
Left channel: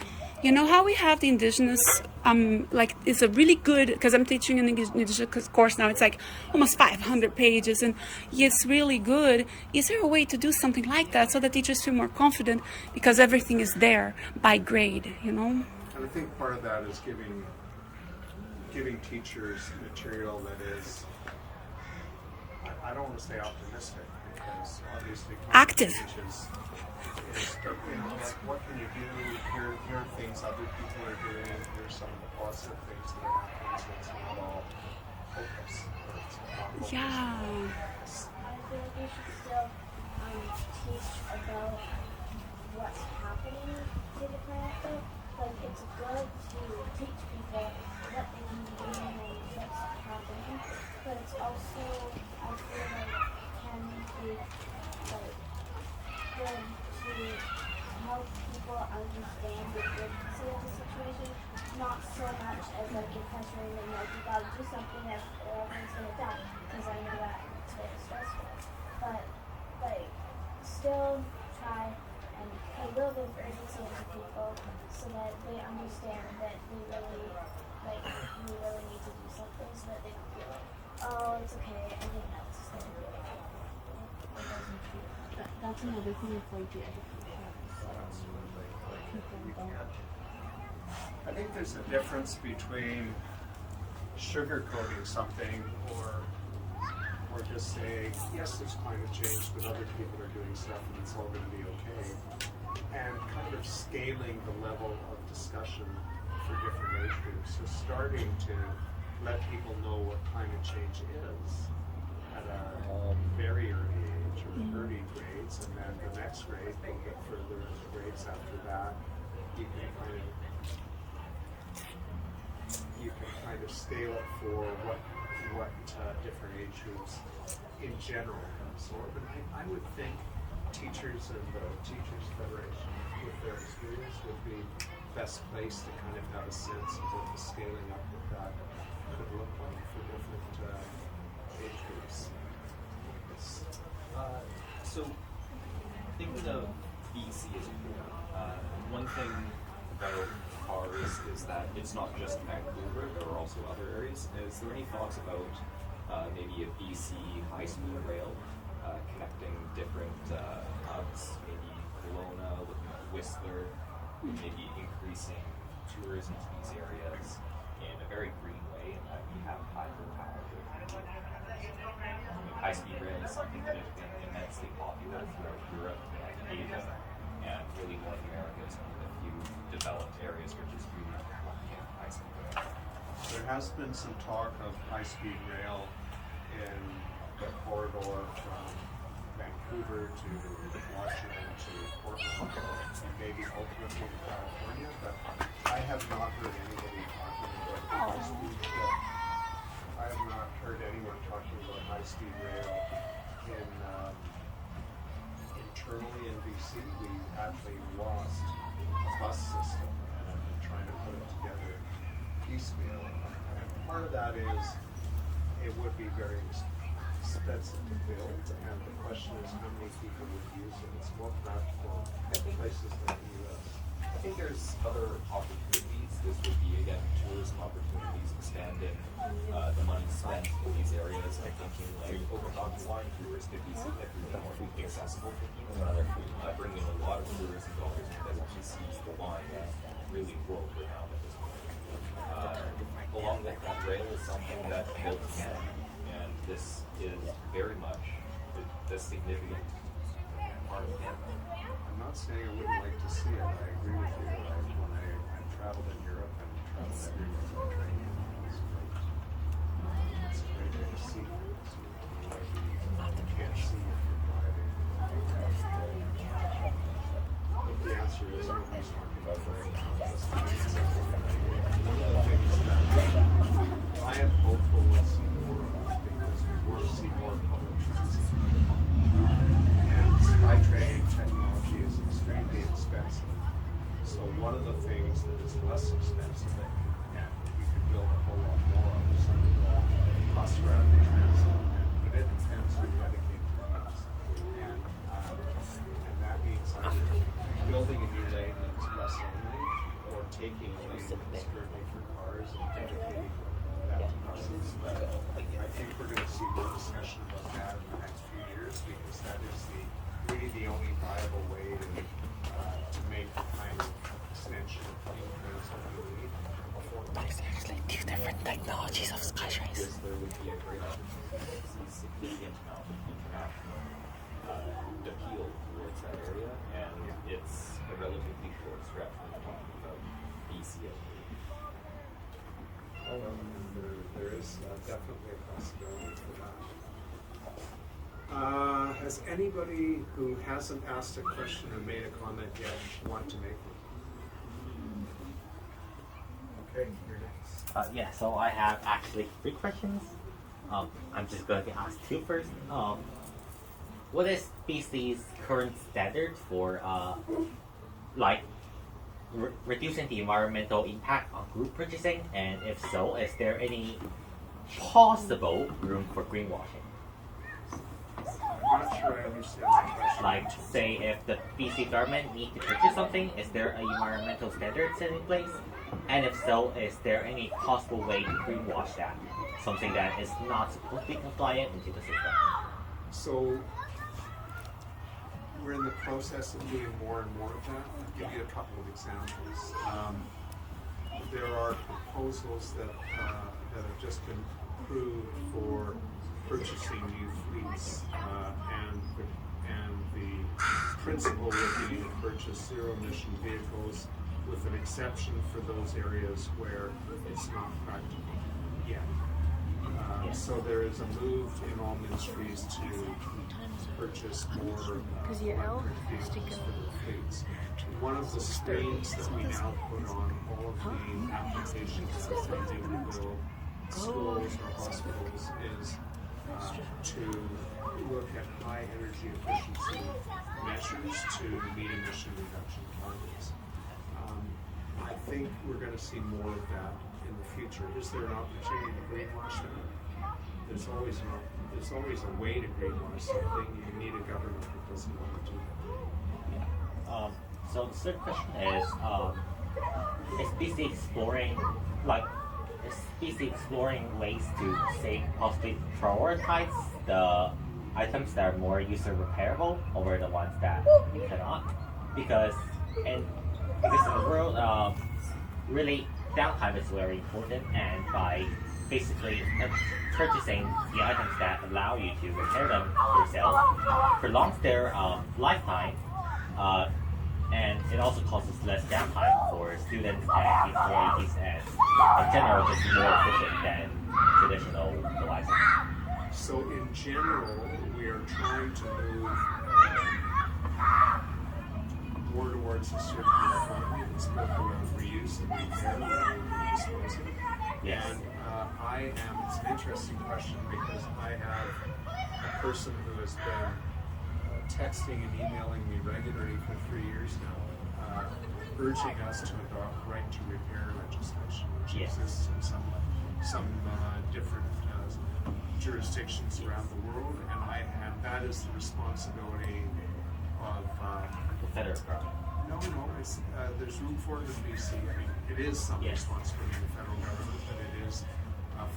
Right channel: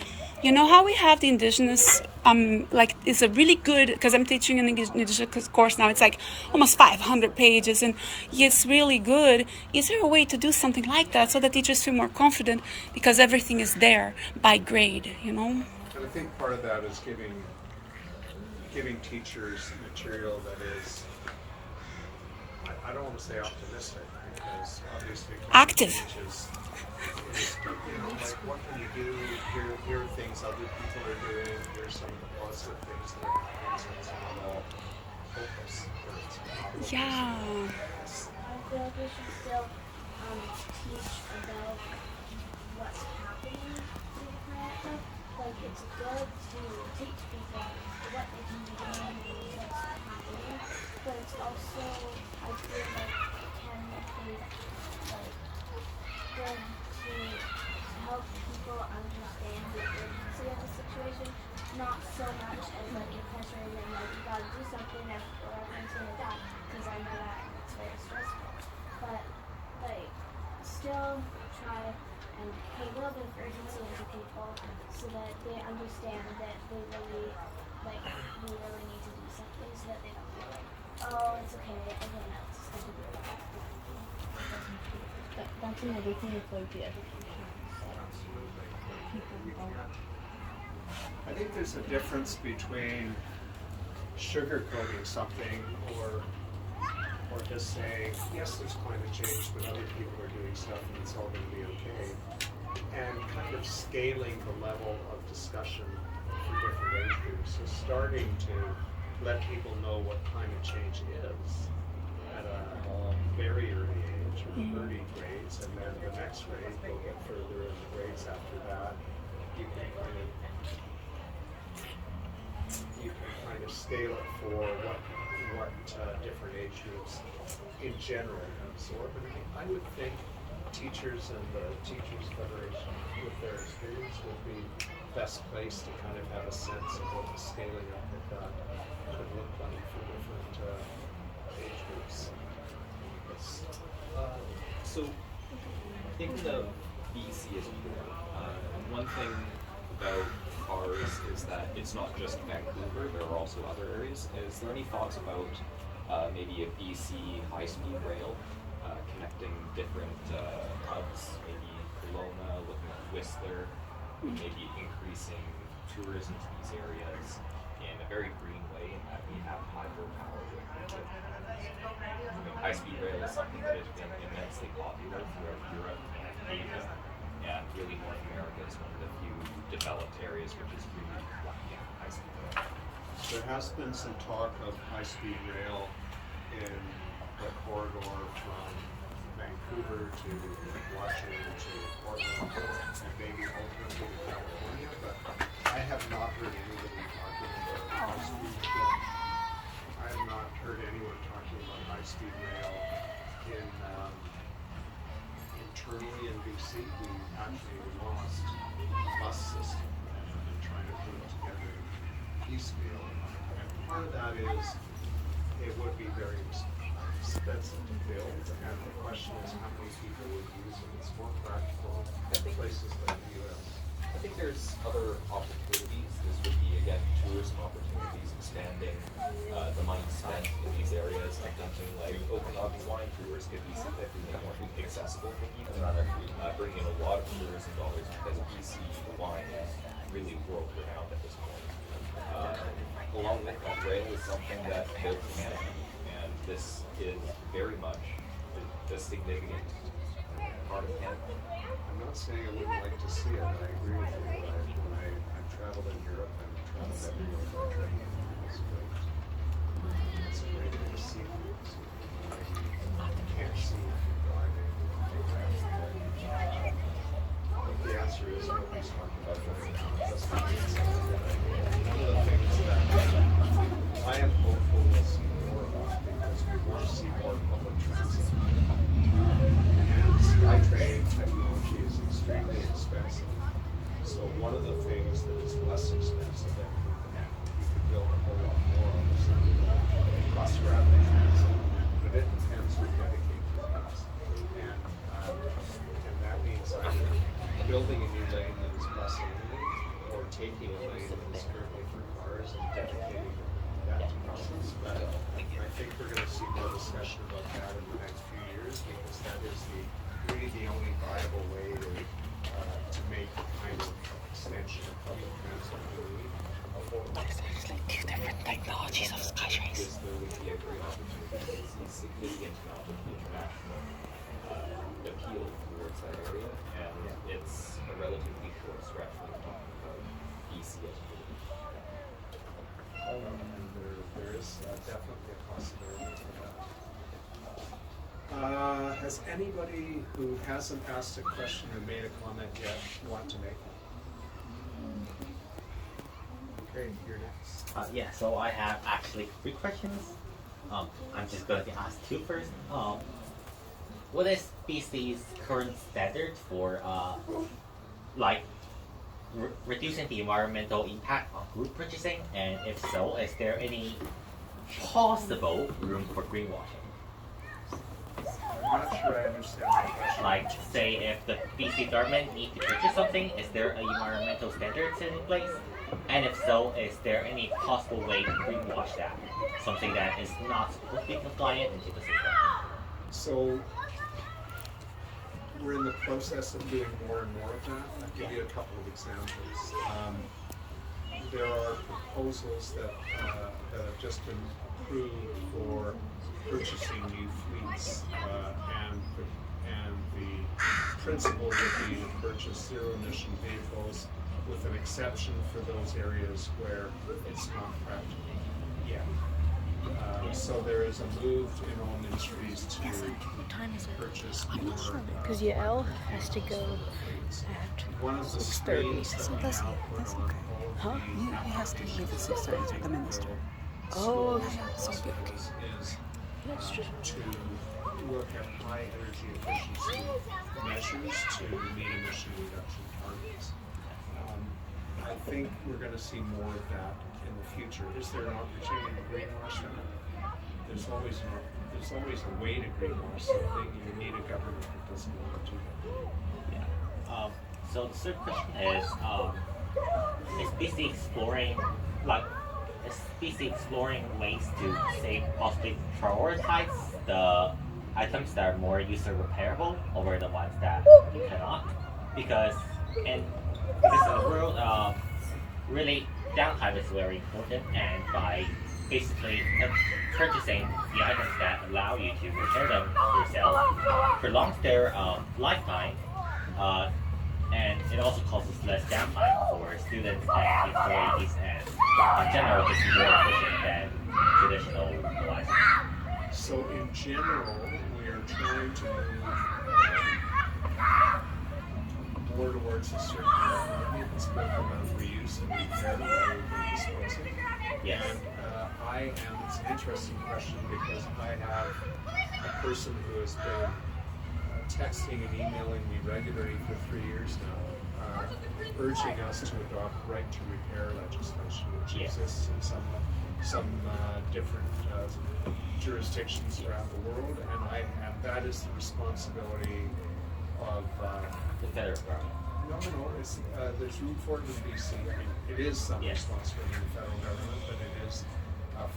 You know how we have the Indigenous, it's a really good, because I'm teaching an Indigenous course now, it's like almost 500 pages, and it's really good. Is there a way to do something like that so that teachers feel more confident, because everything is there by grade, And I think part of that is giving teachers material that is, I don't want to say optimistic, because obviously active. Like, what can you do? Here are things other people are doing. Here's some positive things that are happening. So it's not all hopeless. Yeah. I feel like we should still teach about what's happening to the planet. Like, it's good to teach people what they can be doing and what's happening, but it's also, I feel like, can be good to help people understand the urgency of the situation, not so much as you're pressuring them you gotta do something or everyone's gonna die, because I know that and it's very stressful. But still try and put a little bit of urgency into people so that they understand that they really we really need to do something, so that they don't feel like, oh, it's okay, everyone else is gonna do it. That's another thing with the education. People don't. I think there's a difference between sugarcoating something or just saying, yes, there's climate change, but other people are doing stuff and it's all going to be okay, and kind of scaling the level of discussion for different age groups. So starting to let people know what climate change is at a very early age, or early grades, and then the next grade, we'll get further in the grades after that. You can kind of scale it for what different age groups in general can absorb. And I would think teachers and the Teachers Federation, with their experience, would be best placed to kind of have a sense of what the scaling up of that could look like for different age groups. So, thinking of BC as a whole, one thing about cars is that it's not just Vancouver, there are also other areas. Is there any thoughts about maybe a BC high-speed rail connecting different hubs, maybe Kelowna, looking at Whistler, maybe increasing tourism to these areas in a very green way, and we have hydropower with high-speed rail is something that has been immensely popular throughout Europe and Asia, and really North America is one of the few developed areas which is really lacking high-speed rail. There has been some talk of high-speed rail in the corridor from Vancouver to Washington to Portland and maybe ultimately to California, but I have not heard anybody talking about high-speed rail. I have not heard anyone talking about high-speed rail in internally in BC. We actually lost a bus system and have been trying to put it together piecemeal. And part of that is it would be very expensive to build, and the question is how many people would use it. It's more practical in places like the US. I think there's other opportunities. This would be, again, tourism opportunities, expanding the money spent in these areas. I think like Okanagan's wine tours could be significantly more accessible for people. Bring in a lot of tourism dollars because BC, the wine is really world renowned at this point. Along with that, rail is something that built Canada, and this is very much the significant part of Canada. I'm not saying I wouldn't like to see it. I agree with you. When I've traveled in Europe and traveled everywhere by train, it's great. It's a great way to see it. You can't see if you're driving. But the answer is nobody's talking about it right now. That's not exactly a good idea. One of the things that I am hopeful we'll see more of because we want to see more public transit. And SkyTrain technology is extremely expensive. So one of the things that is less expensive that we could build a whole lot more of is something called bus rapid transit. But it depends who dedicate to it. And that means either building a new lane that is bus only or taking a lane that is currently for cars and dedicating that to buses. But I think we're going to see more discussion about that in the next few years because that is really the only viable way to make the kind of extension of public transit that we need. These different technologies of SkyTrains. Yes, there would be a great opportunity to see significant amount of international appeal towards that area, and it's a relatively short stretch when we're talking about BC. And there is definitely a possibility for that. Has anybody who hasn't asked a question or made a comment yet want to make one? Okay, you're next. Yeah, so I have actually 3 questions. I'm just going to ask 2 first. What is BC's current standard for reducing the environmental impact on group purchasing? And if so, is there any possible room for greenwashing? I'm not sure I understand the question. Like, say, if the BC government needs to purchase something, is there an environmental standard set in place? And if so, is there any possible way to greenwash that? Something that is not supposed to be compliant into the system? So we're in the process of doing more and more of that. I'll give you a couple of examples. There are proposals that have just been approved for purchasing new fleets, and the principle would be to purchase zero-emission vehicles with an exception for those areas where it's not practical yet. So there is a move in all ministries to purchase more L has to go. fleets. One of the screens that we now put on all of the applications that are funding to build schools or hospitals is to look at high energy efficiency measures to meet emission reduction targets. I think we're going to see more of that in the future. Is there an opportunity to greenwash it? There's always a way to greenwash something. You need a government that doesn't want to do that. Yeah. So the third question is BC exploring ways to say possibly prioritize the items that are more user repairable over the ones that you cannot? Because Because in the world, really downtime is very important, and by basically purchasing the items that allow you to repair them yourself prolongs their lifetime, and it also causes less downtime for students and employees, and in general, it's more efficient than traditional devices. So in general, we are trying to move more towards a circular economy that's built around reuse and repair rather than disposing. Yes. And it's an interesting question because I have a person who has been texting and emailing me regularly for 3 years now, urging us to adopt right to repair legislation, which Yes. exists in some different jurisdictions around the world, and that is the responsibility of The federal government. no, it's there's room for it in BC. I mean, it is some Yes. responsibility of the federal government, but it is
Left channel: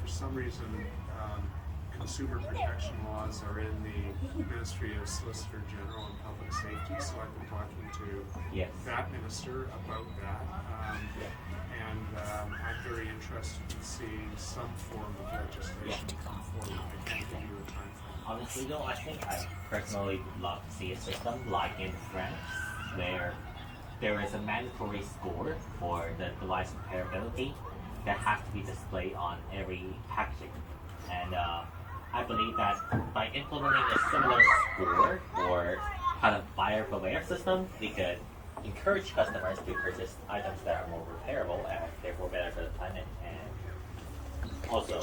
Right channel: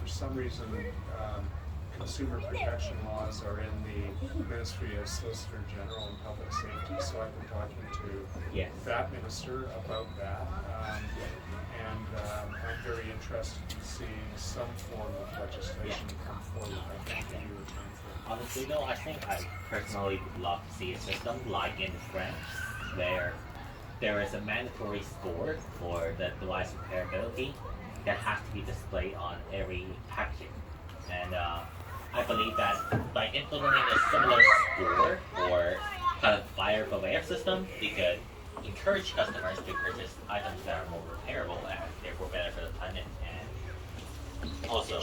for some reason consumer protection laws are in the Ministry of Solicitor General and Public Safety. So I've been talking to Yes. that minister about that, and I'm very interested in seeing some form of legislation come forward. I think that you were time for. Honestly though, I think I personally would love to see a system like in France, where there is a mandatory score for the device repairability that has to be displayed on every packaging. And I believe that by implementing a similar score or have a buyer beware system, we could encourage customers to purchase items that are more repairable and therefore benefit the planet, and also,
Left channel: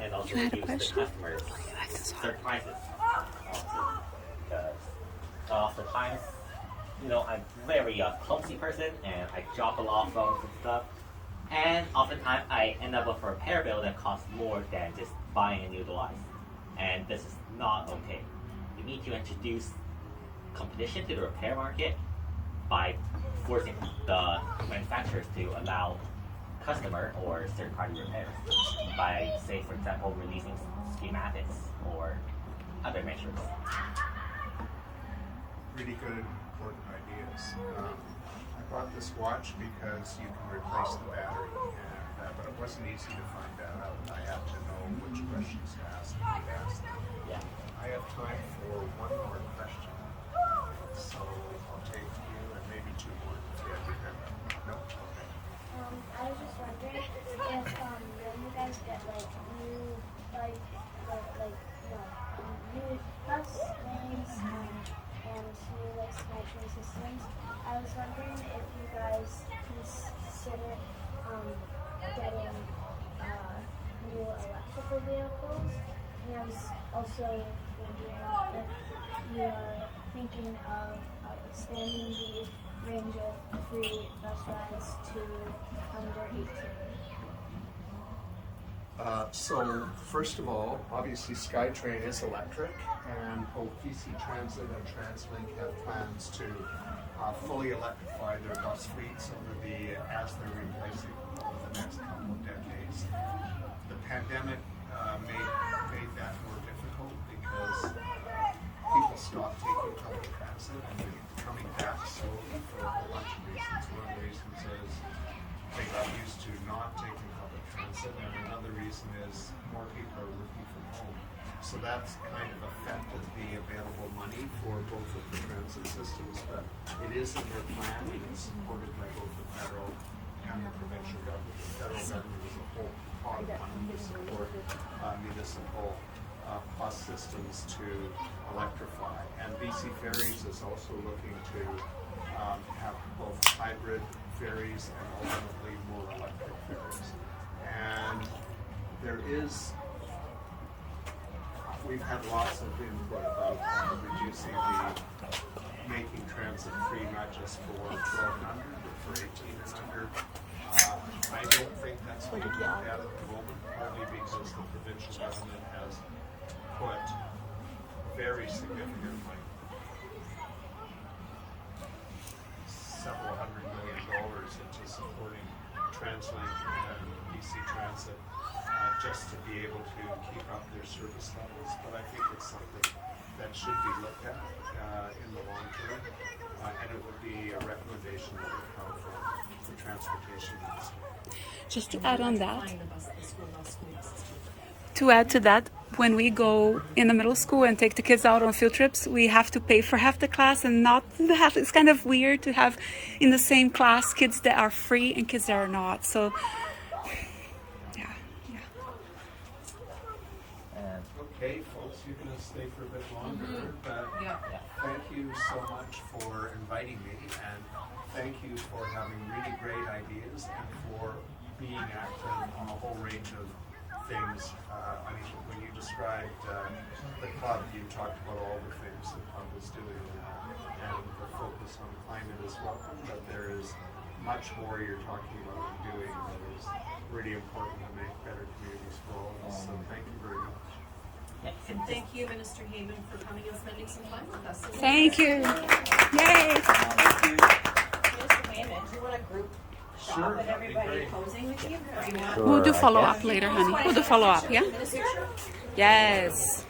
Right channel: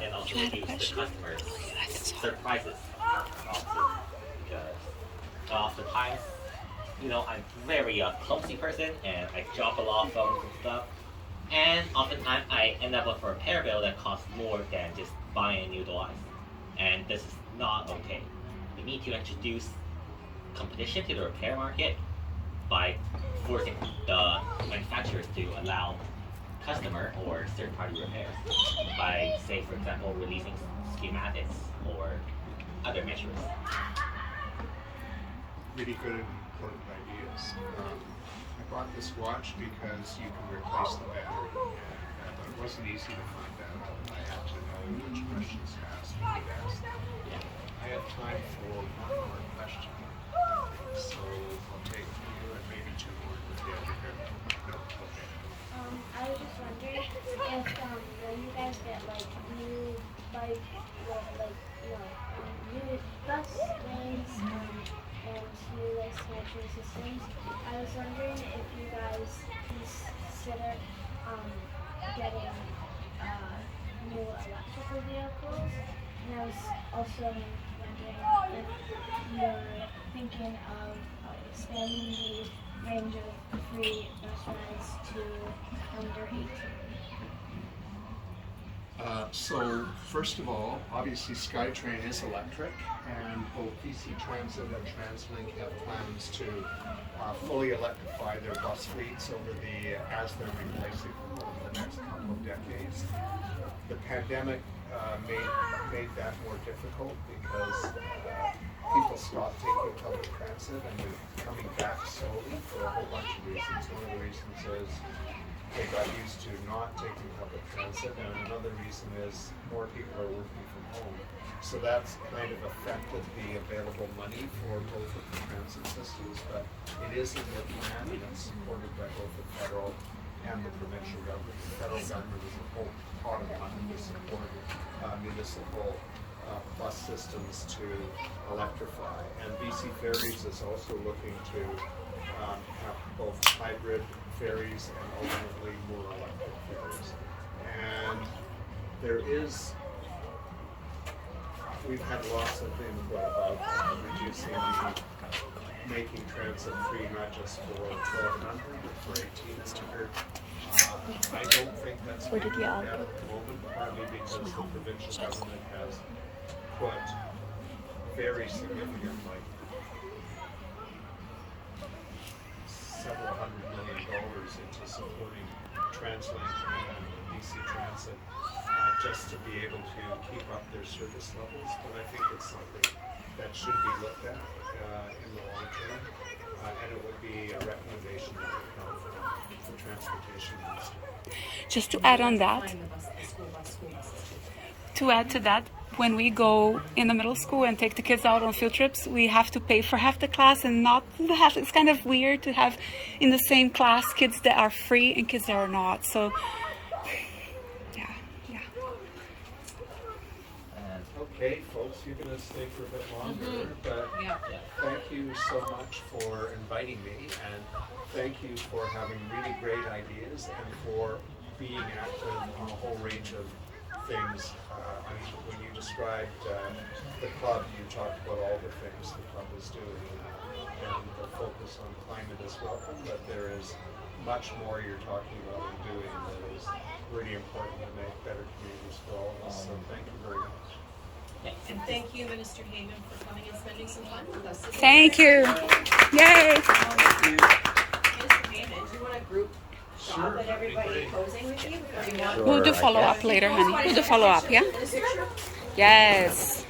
and also reduce the customers' surprises, also, because oftentimes, I'm very clumsy person, and I drop a lot of phones and stuff, and oftentimes I end up with a repair bill that costs more than just buying a new device, and this is not okay. We need to introduce competition to the repair market by forcing the manufacturers to allow customer or third-party repairs by, say, for example, releasing schematics or other measures. Really good, important ideas. I bought this watch because you can replace the battery, and, but it wasn't easy to find that out. I had to know which questions to ask and who to ask them. Yeah. I have time for one more question, so I'll take you and maybe two more. No? Okay. I was just wondering if when you guys get like new bike new bus lanes and new like scheduling systems, I was wondering if you guys consider getting new electrical vehicles, and I was also wondering if you're thinking of expanding the range of free bus rides to under 18. So first of all, obviously SkyTrain is electric, and both BC Transit and TransLink have plans to fully electrify their bus fleets as they're replacing them over the next couple of decades. The pandemic made that more difficult because people stopped taking public transit, and we're coming back slowly for a whole bunch of reasons. One of the reasons is they got used to not taking public transit, and another reason is more people are working from home. So that's kind of affected the available money for both of the transit systems, but it is in their plan and it's supported by both the federal and the provincial government. The federal government has a whole pot of money to support municipal bus systems to electrify. And BC Ferries is also looking to have both hybrid ferries and ultimately more electric ferries. And we've had lots of input about reducing making transit free, not just for 1,200, but for 18 and under. I don't think that's being looked at the moment, partly because the provincial government has put very significant, like several $100 million into supporting TransLink and BC Transit just to be able to keep up their service levels. But I think it's something that should be looked at in the long term, and it would be a recommendation that we transportation needs. Just to add on that, Find the school buses. to add to that, when we go in the middle school and take the kids out on field trips, we have to pay for half the class and not the half. It's kind of weird to have in the same class kids that are free and kids that are not. So, yeah. And Okay, folks, you're gonna stay for a bit longer, but Yeah. thank you so much for inviting me, and thank you for having really great ideas and for being active on a whole range of things. I mean, when you described the club, you talked about all the things the club was doing, and the focus on climate is welcome, but there is much more you're talking about and doing that is really important to make better communities for all of us, so thank you very much. And thank you, Minister Heyman, for coming and spending some time with us. Thank you. Yay. Minister Heyman, do you want a group Sure, shot with that'd be everybody great. posing with you? Or you want- We'll do follow up later, honey. We'll do follow up, yeah? This picture? Yes.